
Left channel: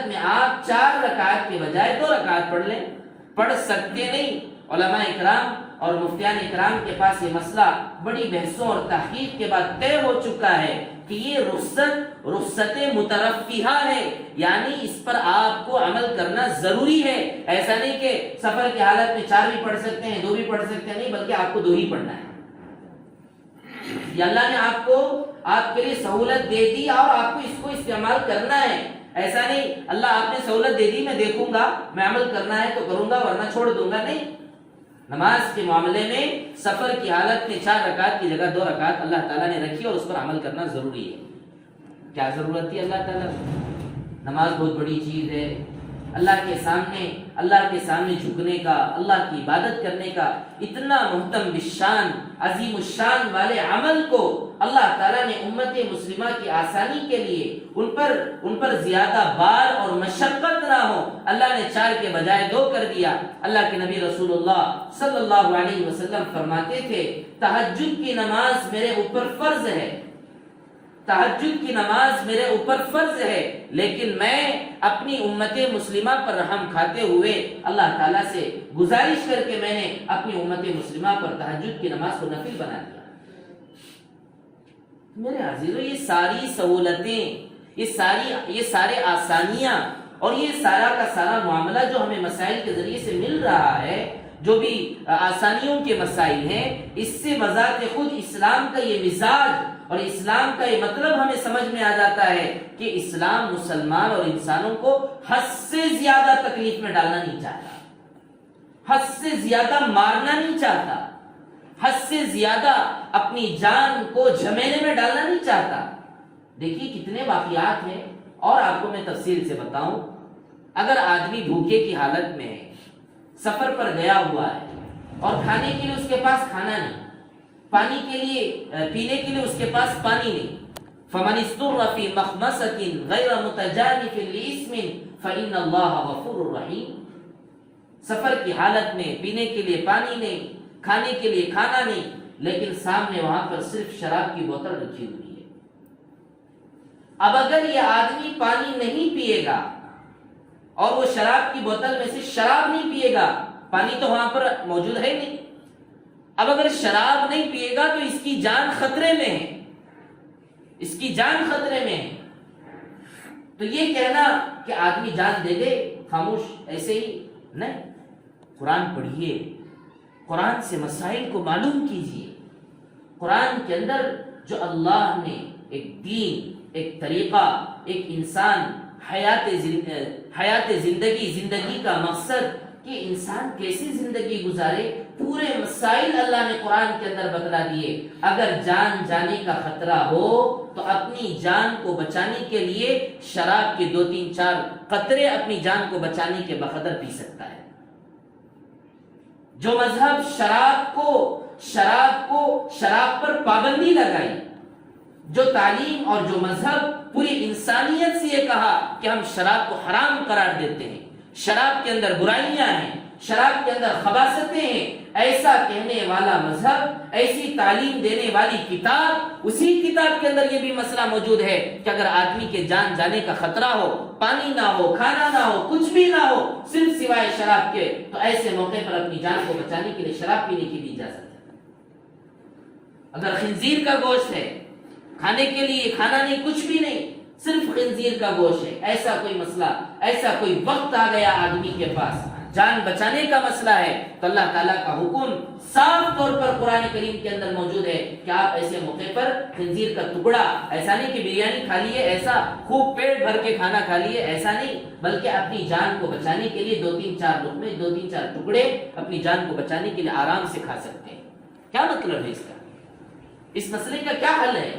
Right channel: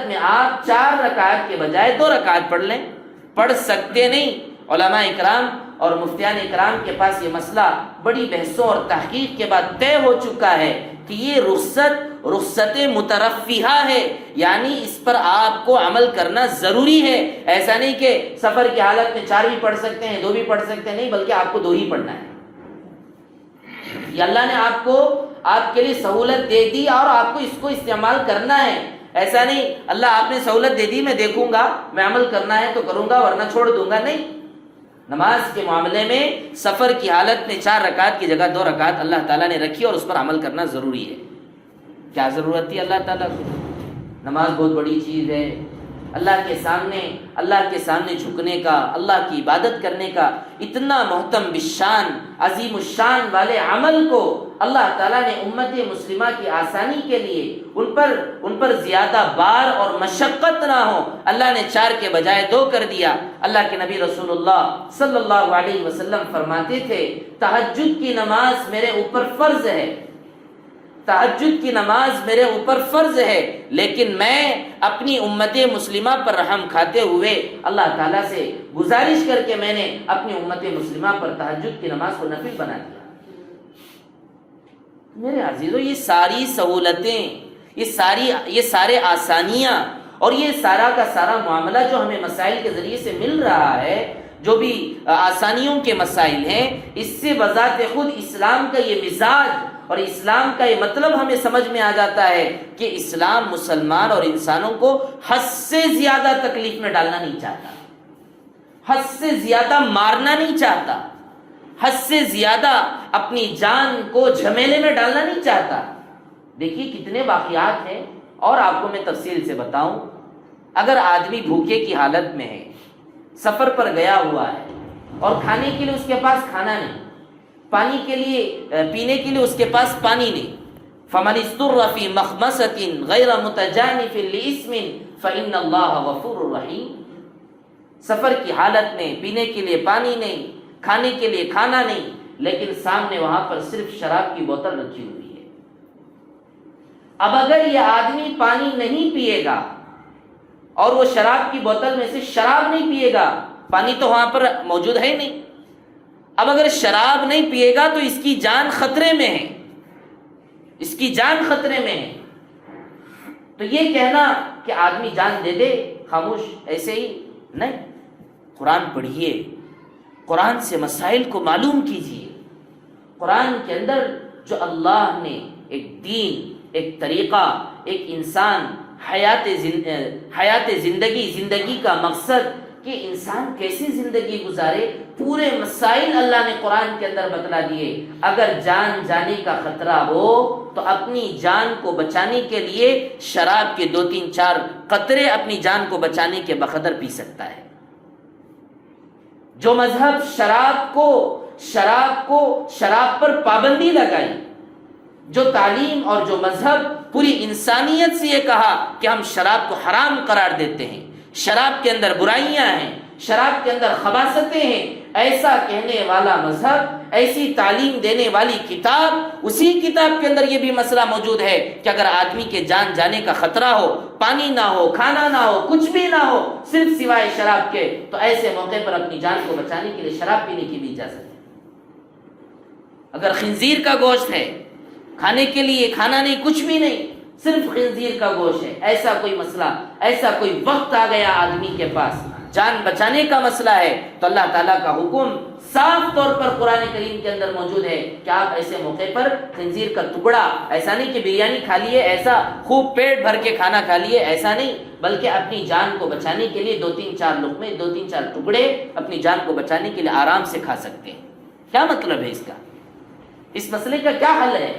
میں آپ 4 رکعت کے بجائے 2 رکعت پڑھ لیں۔ پڑھ سکتے نہیں، علماء اکرام اور مفتیان اکرام کے پاس یہ مسئلہ بڑی بحثوں اور تحقیق کے بعد طے ہو چکا ہے کہ یہ رخصت مترفیہ ہے، یعنی اس پر آپ کو عمل کرنا ضروری ہے۔ ایسا نہیں کہ سفر کی حالت میں 4 بھی پڑھ سکتے ہیں، 2 بھی پڑھ سکتے ہیں، نہیں، بلکہ آپ کو 2 ہی پڑھنا ہے۔ یہ اللہ نے آپ کے لیے سہولت دے دی اور آپ کو اس کو استعمال کرنا ہے۔ ایسا نہیں اللہ آپ نے سہولت دے دی، میں دیکھوں گا، میں عمل کرنا ہے تو کروں گا ورنہ چھوڑ دوں گا، نہیں۔ نماز کے معاملے میں سفر کی حالت میں 4 رکعت کی جگہ 2 رکعت اللہ تعالیٰ نے رکھی اور اس پر عمل کرنا ضروری ہے۔ کیا ضرورت تھی اللہ تعالیٰ کو؟ نماز بہت بڑی چیز ہے، اللہ کے سامنے جھکنے کا، اللہ کی عبادت کرنے کا اتنا محتم بالشان، عظیم الشان والے عمل کو اللہ تعالیٰ نے امت مسلمہ کی آسانی کے لیے ان پر زیادہ بار اور مشقت نہ ہو، اللہ نے 4 کے بجائے 2 کر دیا۔ اللہ کے نبی رسول اللہ صلی اللہ علیہ وسلم فرماتے تھے تہجد کی نماز میرے اوپر فرض ہے، تہجد کی نماز میرے اوپر فرض ہے، لیکن میں اپنی امت مسلمہ پر رحم کھاتے ہوئے اللہ تعالیٰ سے گزارش کر کے میں نے اپنی امت مسلمہ پر تہجد کی نماز کو نفل بنا دیا۔ میرے عزیزو، یہ ساری سہولتیں، یہ سارے آسانیاں اور یہ سارا کا سارا معاملہ جو ہمیں مسائل کے ذریعے سے مل رہا ہے، جو بھی آسانیوں کے مسائل ہیں، اس سے بذات خود اسلام کا یہ مزاج اور اسلام کا یہ مطلب ہمیں سمجھ میں آ جاتا ہے کہ اسلام مسلمان اور انسانوں کو حد سے زیادہ تکلیف میں ڈالنا نہیں چاہتا، حد سے زیادہ مارنا نہیں چاہتا، حد سے زیادہ اپنی جان کو جھمیلے میں ڈالنا نہیں چاہتا۔ دیکھیے کتنے واقعات ہیں اور آپ کو میں تفصیل سے بتاؤں۔ اگر آدمی بھوکے کی حالت میں ہے، سفر پر گیا ہوا ہے اور کھانے کے لیے اس کے پاس کھانا نہیں، پانی کے لیے پینے کے لیے اس کے پاس پانی نہیں، فَمَنِ اسْتُرَّ فِي مَخْمَصَةٍ غَيْرَ مُتَجَانِفٍ لِإِثْمٍ فَإِنَّ اللَّهَ غَفُورٌ رَحِيمٌ۔ سفر کی حالت میں پینے کے لیے پانی نہیں، کھانے کے لیے کھانا نہیں، لیکن سامنے وہاں پر صرف شراب کی بوتل رکھی ہوئی ہے۔ اب اگر یہ آدمی پانی نہیں پیے گا اور وہ شراب کی بوتل میں سے شراب نہیں پیے گا، پانی تو وہاں پر موجود ہے نہیں، اب اگر شراب نہیں پیے گا تو اس کی جان خطرے میں ہے، اس کی جان خطرے میں ہے۔ تو یہ کہنا کہ آدمی جان دے دے خاموش ایسے ہی نہیں، قرآن پڑھیے، قرآن سے مسائل کو معلوم کیجیے۔ قرآن کے اندر جو اللہ نے ایک دین، ایک طریقہ، ایک انسان حیات زندگی کا مقصد کہ انسان کیسی زندگی گزارے، پورے مسائل اللہ نے قرآن کے اندر بتلا دیے۔ اگر جان جانے کا خطرہ ہو تو اپنی جان کو بچانے کے لیے شراب کے 2-3-4 قطرے اپنی جان کو بچانے کے بقدر پی سکتا ہے۔ جو مذہب شراب پر پابندی لگائی، جو تعلیم اور جو مذہب پوری انسانیت سے یہ کہا کہ ہم شراب کو حرام قرار دیتے ہیں، شراب کے اندر برائیاں ہیں، شراب کے اندر خباثتیں ہیں، ایسا کہنے والا مذہب، ایسی تعلیم دینے والی کتاب، اسی کتاب کے اندر یہ بھی مسئلہ موجود ہے کہ اگر آدمی کے جان جانے کا خطرہ ہو، پانی نہ ہو، کھانا نہ ہو، کچھ بھی نہ ہو، صرف سوائے شراب کے، تو ایسے موقع پر اپنی جان کو بچانے کے لیے شراب پینے کی بھی اجازت ہے۔ اگر خنزیر کا گوشت ہے، کھانے کے لیے کھانا نہیں، کچھ بھی نہیں، صرف خنزیر کا گوشت ہے، ایسا کوئی مسئلہ، ایسا کوئی وقت آ گیا آدمی کے پاس، جان بچانے کا مسئلہ ہے، تو اللہ تعالیٰ کا حکم صاف طور پر قرآن کریم کے اندر موجود ہے کہ آپ ایسے موقع پر خنزیر کا ٹکڑا، ایسا نہیں کہ بریانی کھا لیے، ایسا خوب پیٹ بھر کے کھانا کھا لیے، ایسا نہیں، بلکہ اپنی جان کو بچانے کے لیے 2-3-4 لقمے، 2-3-4 ٹکڑے اپنی جان کو بچانے کے لیے آرام سے کھا سکتے ہیں۔ کیا مطلب ہے اس کا؟ اس مسئلے کا کیا حل ہے؟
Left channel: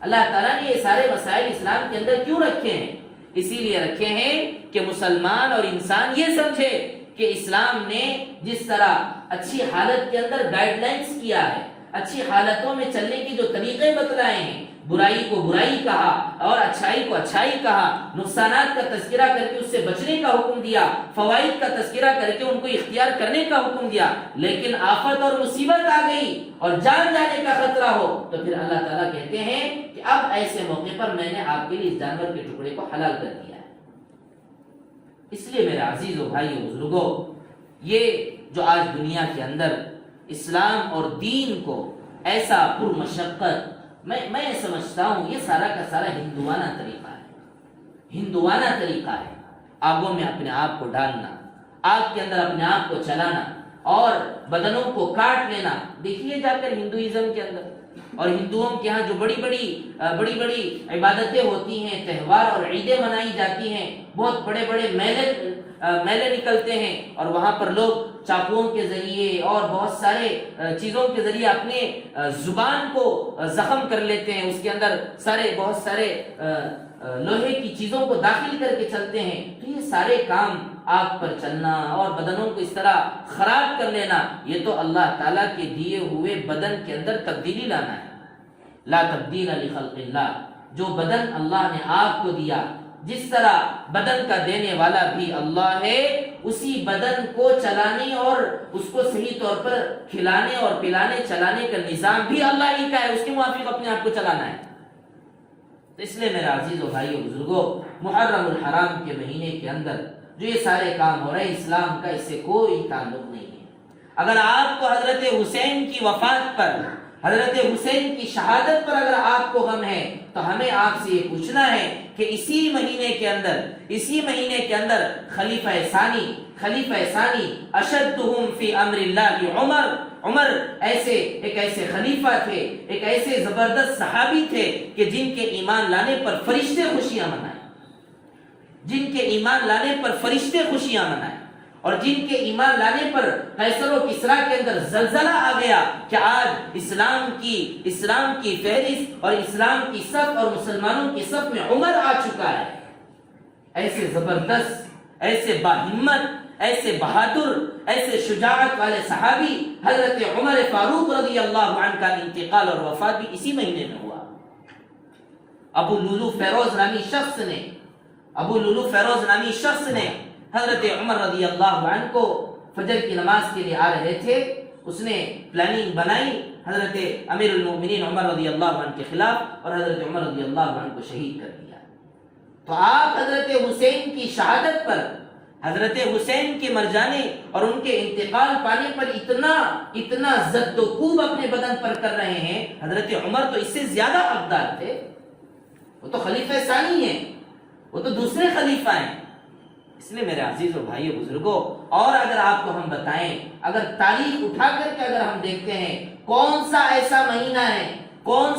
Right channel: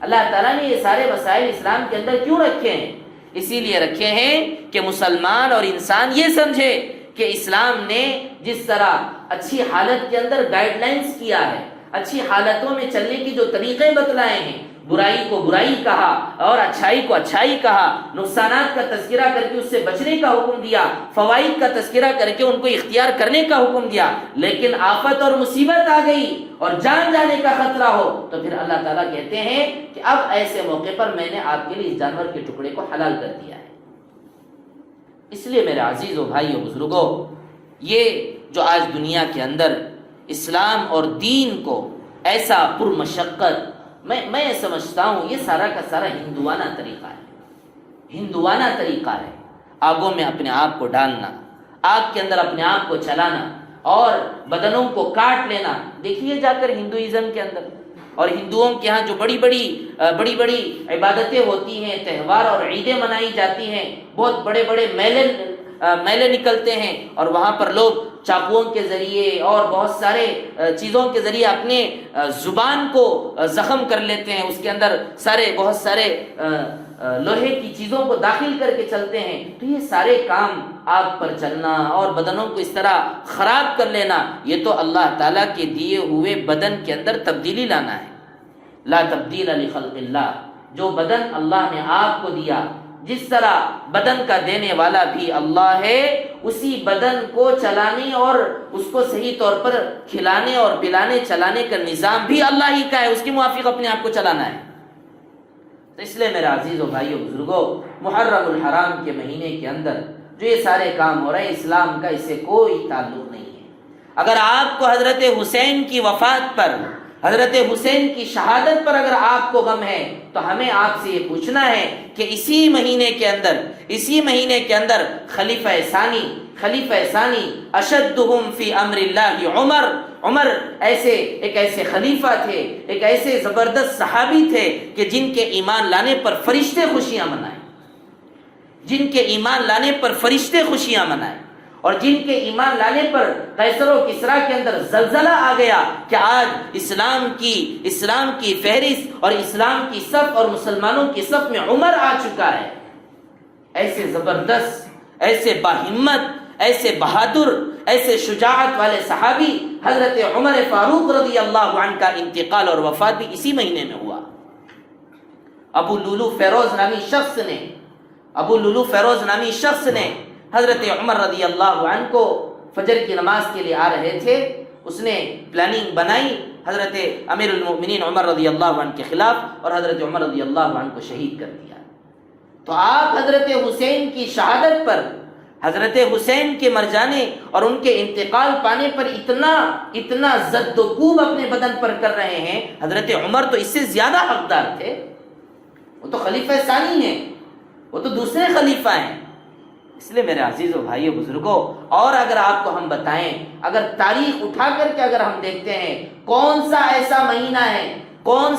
اللہ تعالیٰ نے یہ سارے مسائل اسلام کے اندر کیوں رکھے ہیں؟ اسی لیے رکھے ہیں کہ مسلمان اور انسان یہ سمجھے کہ اسلام نے جس طرح اچھی حالت کے اندر گائیڈ لائنز کیا ہے، اچھی حالتوں میں چلنے کی جو طریقے بتلائے ہیں، برائی کو برائی کہا اور اچھائی کو اچھائی کہا، نقصانات کا تذکرہ کر کے اس سے بچنے کا حکم دیا، فوائد کا تذکرہ کر کے ان کو اختیار کرنے کا حکم دیا، لیکن آفت اور مصیبت آ گئی اور جان جانے کا خطرہ ہو تو پھر اللہ تعالیٰ کہتے ہیں کہ اب ایسے موقع پر میں نے آپ کے لیے اس جانور کے ٹکڑے کو حلال کر دیا ہے۔ اس لیے میرے عزیز و بھائیو بزرگوں، یہ جو آج دنیا کے اندر اسلام اور دین کو ایسا پرمشقت، میں سمجھتا ہوں یہ سارا کا سارا ہندوانہ طریقہ ہے، ہندوانہ طریقہ ہے، آگوں میں اپنے آپ کو ڈالنا، آگ کے اندر اپنے آپ کو چلانا اور بدنوں کو کاٹ لینا۔ دیکھیے جا کر ہندوازم کے اندر اور ہندوؤں کے ہاں جو بڑی بڑی عبادتیں ہوتی ہیں، تہوار اور عیدیں منائی جاتی ہیں، بہت بڑے بڑے میلے نکلتے ہیں اور وہاں پر لوگ چاقوؤں کے ذریعے اور بہت سارے چیزوں کے ذریعے اپنے زبان کو زخم کر لیتے ہیں، اس کے اندر بہت سارے لوہے کی چیزوں کو داخل کر کے چلتے ہیں۔ تو یہ سارے کام، آگ پر چلنا اور بدنوں کو اس طرح خراب کر لینا، یہ تو اللہ تعالیٰ کے دیے ہوئے بدن کے اندر تبدیلی لانا ہے۔ لا تبدیل لخلق اللہ، جو بدن اللہ نے آپ کو دیا، جس طرح بدن کا دینے والا بھی اللہ ہے، اسی بدن کو چلانے اور اس کو صحیح طور پر کھلانے اور پلانے چلانے کا نظام بھی اللہ ہی کا ہے، اس کے موافق اپنے آپ کو چلانا ہے۔ تو اس لیے میرے عزیز و بھائیو بزرگوں، محرم الحرام کے مہینے کے اندر جو یہ سارے کام ہو رہے ہیں، اسلام کا اس سے کوئی تعلق نہیں ہے۔ اگر آپ کو حضرت حسین کی وفات پر، حضرت حسین کی شہادت پر اگر آپ کو غم ہے تو ہمیں آپ سے یہ پوچھنا ہے کہ اسی مہینے کے اندر خلیفہ ثانی اشدہم فی امر اللہ عمر ایک ایسے خلیفہ تھے، ایک ایسے زبردست صحابی تھے کہ جن کے ایمان لانے پر فرشتے خوشیاں منائیں، اور جن کے ایمان لانے پر قیصر و کسریٰ کے اندر زلزلہ آ گیا کہ آج اسلام کی فہرست اور اسلام کی صف اور مسلمانوں کی صف میں عمر آ چکا ہے۔ ایسے زبردست، ایسے باہمت، ایسے بہادر، ایسے شجاعت والے صحابی حضرت عمر فاروق رضی اللہ عنہ کا انتقال اور وفات بھی اسی مہینے میں ہوا۔ ابو لولو فیروز نامی شخص نے حضرت عمر رضی اللہ عنہ کو فجر کی نماز کے لیے آ رہے تھے، اس نے پلاننگ بنائی، حضرت امیر المؤمنین عمر رضی اللہ عنہ کے خلاف اور حضرت عمر رضی اللہ عنہ کو شہید کر دیا۔ تو آپ حضرت حسین کی شہادت پر، حضرت حسین کے مر جانے اور ان کے انتقال پانے پر اتنا زد و کوب اپنے بدن پر کر رہے ہیں۔ حضرت عمر تو اس سے زیادہ حقدار تھے، وہ تو خلیفہ ثانی ہیں، وہ تو دوسرے خلیفہ ہیں۔ اس لیے میرے عزیز و بھائیو بزرگوں، اور اگر آپ کو ہم بتائیں، اگر تاریخ اٹھا کر کے اگر ہم دیکھتے ہیں کون سا ایسا مہینہ ہے، کون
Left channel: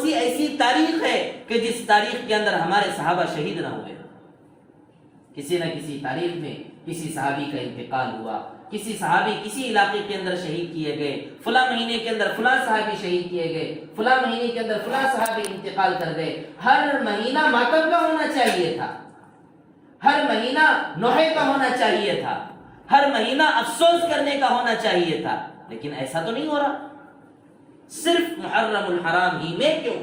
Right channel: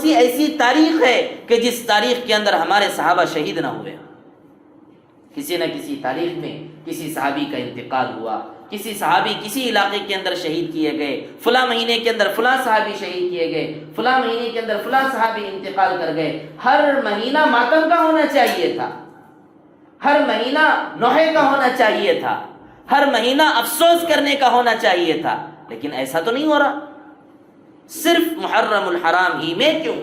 سی ایسی تاریخ ہے کہ جس تاریخ کے اندر ہمارے صحابہ شہید نہ ہوئے، کسی نہ کسی تاریخ میں کسی صحابی کا انتقال ہوا، کسی صحابی کسی علاقے کے اندر شہید کیے گئے، فلاں مہینے کے اندر فلاں صحابی شہید کیے گئے، فلاں مہینے کے اندر فلاں صحابی انتقال کر گئے۔ ہر مہینہ ماتم کا ہونا چاہیے تھا، ہر مہینہ نوحے کا ہونا چاہیے تھا، ہر مہینہ افسوس کرنے کا ہونا چاہیے تھا، لیکن ایسا تو نہیں ہو رہا۔ صرف محرم الحرام ہی میں کیوں؟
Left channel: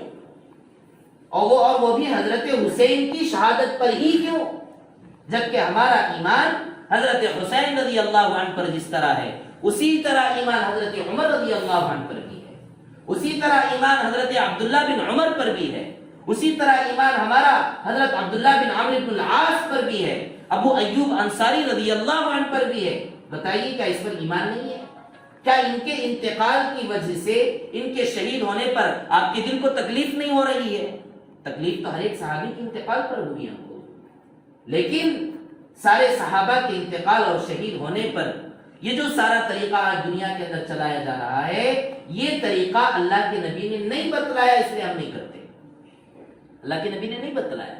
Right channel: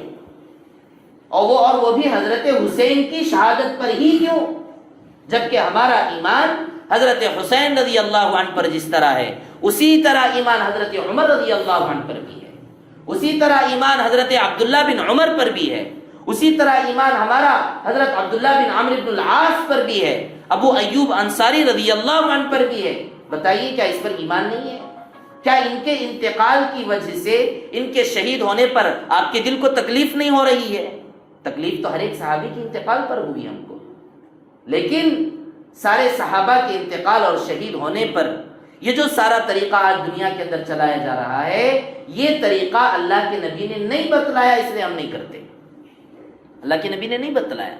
اور وہ بھی حضرت حسین کی شہادت پر ہی کیوں؟ جبکہ ہمارا ایمان حضرت حسین رضی اللہ عنہ پر جس طرح ہے، اسی طرح ایمان حضرت عمر رضی اللہ عنہ پر بھی ہے، اسی طرح ایمان حضرت عبداللہ بن عمر پر بھی ہے، اسی طرح ایمان ہمارا حضرت عبداللہ بن عمرو بن العاص پر بھی ہے، ابو ایوب انصاری رضی اللہ عنہ پر بھی ہے۔ بتائیے کیا اس پر ایمان نہیں ہے؟ کیا ان کے انتقال کی وجہ سے، ان کے شہید ہونے پر آپ کے دل کو تکلیف نہیں ہو رہی ہے؟ تکلیف تو ہر ایک صحابی کے انتقال پر ہوئی ہم کو، لیکن سارے صحابہ کے انتقال اور شہید ہونے پر یہ جو سارا طریقہ آج دنیا کے اندر چلایا جا رہا ہے، یہ طریقہ اللہ کے نبی نے نہیں بتلایا، اس لیے ہم نہیں کرتے۔ اللہ کے نبی نے نہیں بتلایا،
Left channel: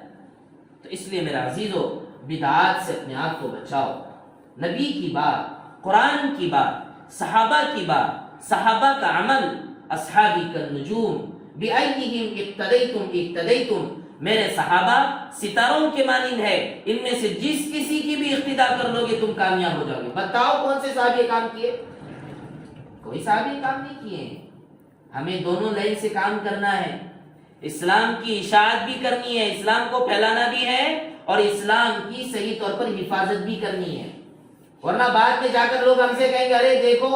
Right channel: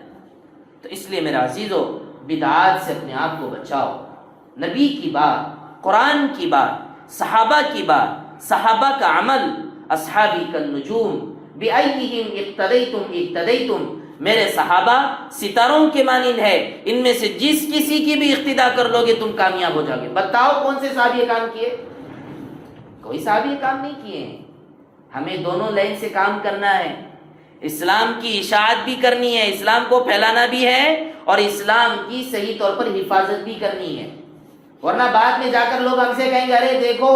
تو اس لیے میرے عزیزو بدعات سے اپنے آپ کو بچاؤ۔ نبی کی بات، قرآن کی بات، صحابہ کی بات، صحابہ کا عمل، اصحابی کالنجوم بأیہم اقتدیتم اقتدیتم، میرے صحابہ ستاروں کے مانند ہے، ان میں سے جس کسی کی بھی اقتدا کر لو گے تم کامیاب ہو جاؤ گے۔ بتاؤ کون سے صحابی کام کیے؟ کوئی صحابی کام نہیں کیے ہیں۔ ہمیں دونوں لائن سے کام کرنا ہے، اسلام کی اشاعت بھی کرنی ہے، اسلام کو پھیلانا بھی ہے، اور اسلام کی صحیح طور پر حفاظت بھی کرنی ہے۔ ورنہ بعد میں جا کر لوگ ہم سے کہیں گے ارے دیکھو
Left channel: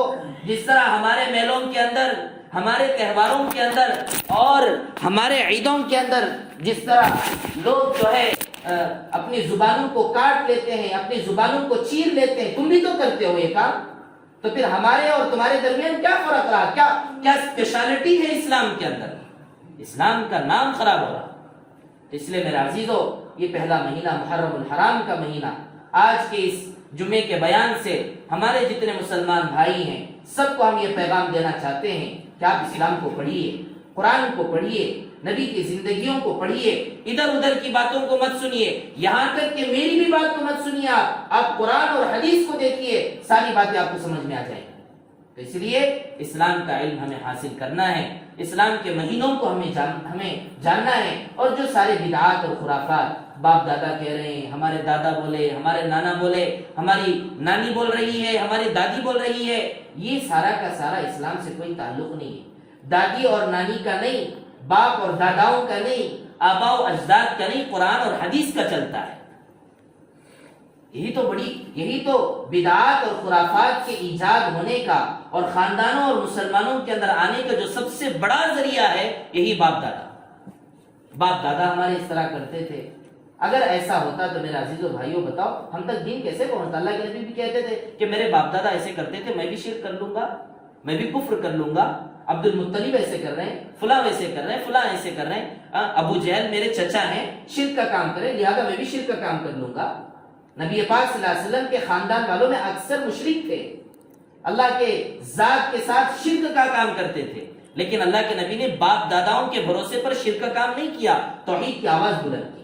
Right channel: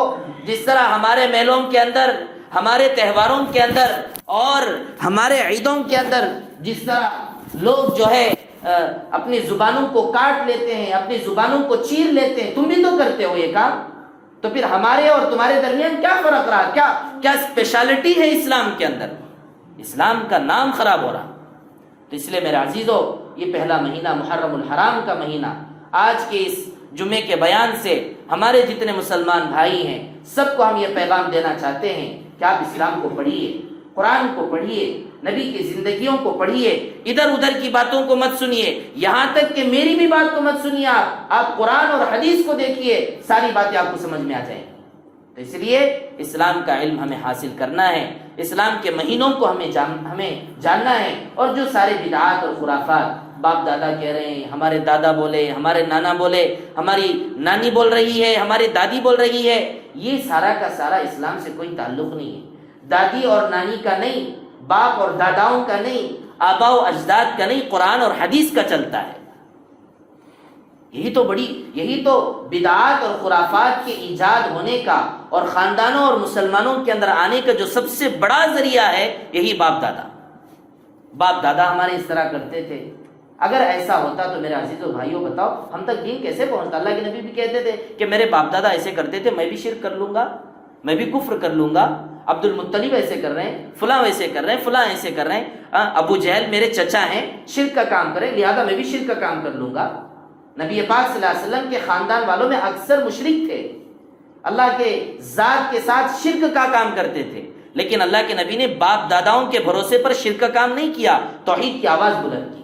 جس طرح ہمارے میلوں کے اندر، ہمارے تہواروں کے اندر اور ہمارے عیدوں کے اندر جس طرح لوگ جو ہے اپنی زبانوں کو کاٹ لیتے ہیں، اپنی زبانوں کو چیر لیتے ہیں، تم بھی تو کرتے ہو یہ کام، تو پھر ہمارے اور تمہارے درمیان کیا فرق رہا؟ کیا اسپیشلٹی ہے اسلام کے اندر؟ اسلام کا نام خراب ہو رہا۔ تو اس لیے میرے عزیزو، یہ پہلا مہینہ محرم الحرام کا مہینہ، آج کے اس جمعے کے بیان سے ہمارے جتنے مسلمان بھائی ہیں سب کو ہم یہ پیغام دینا چاہتے ہیں کہ آپ اسلام کو پڑھیے، قرآن کو پڑھیے، نبی کی زندگیوں کو پڑھیے، ادھر ادھر کی باتوں کو مت سنیے، یہاں تک کہ میری بھی بات کو مت سنیے، آپ قرآن اور حدیث کو دیکھیے، ساری باتیں آپ کو سمجھ میں آ جائیں۔ تو اس لیے اسلام کا علم ہمیں حاصل کرنا ہے، اسلام کے مہینوں کو ہمیں جاننا ہے، اور جو سارے بدعات اور خرافات باپ دادا کہہ رہے ہیں، ہمارے دادا بولے، ہمارے نانا بولے، ہماری نانی بول رہی ہے، ہماری دادی بول رہی ہے، یہ سارا کا سارا اسلام سے کوئی تعلق نہیں ہے۔ دادی اور نانی کا نہیں، باپ اور داداؤں کا نہیں، آبا و اجداد کا نہیں، قرآن اور حدیث کا چلتا ہے۔ یہی تو بدعات اور خرافات کے ایجاد ہونے کا اور خاندانوں اور مسلمانوں کے اندر آنے کا جو سب سے بڑا ذریعہ ہے، یہی باپ دادا ہمارے اس طرح کرتے تھے۔ اگر ایسا ہوتا تو میرے عزیزو بھائیوں بتاؤ ہم تک دین کیسے پہنچتا؟ اللہ کے نبی بھی کہتے تھے کہ میرے باپ دادا ایسے کرتے تھے، میں بھی شرک کر لوں گا، میں بھی کفر کر لوں گا، عبد المطلب ایسے کر رہے ہیں، فلاں ویسے کر رہے ہیں، فلاں ایسے کر رہے ہیں، ابو جہل میرے چچا ہیں، شرک کا کام کرے، لہذا میں بھی شرک کا کام کر لوں گا۔ نبی پاک صلی اللہ علیہ وسلم کے خاندان والوں میں اکثر مشرک تھے، اللہ کے ذات کے ساتھ شرک کا کام کرتے تھے، لیکن اللہ کے نبی نے باپ داداؤں کے بھروسے پر شرک کا کام نہیں کیا، توحید کی آواز بلند کی۔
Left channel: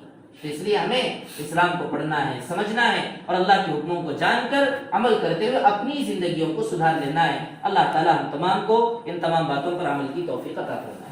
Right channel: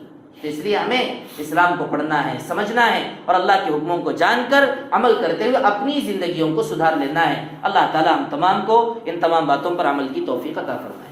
اس لیے ہمیں اسلام کو پڑھنا ہے، سمجھنا ہے، اور اللہ کے حکموں کو جان کر عمل کرتے ہوئے اپنی زندگیوں کو سدھار لینا ہے۔ اللہ تعالی ہم تمام کو ان تمام باتوں پر عمل کی توفیق عطا فرمائے۔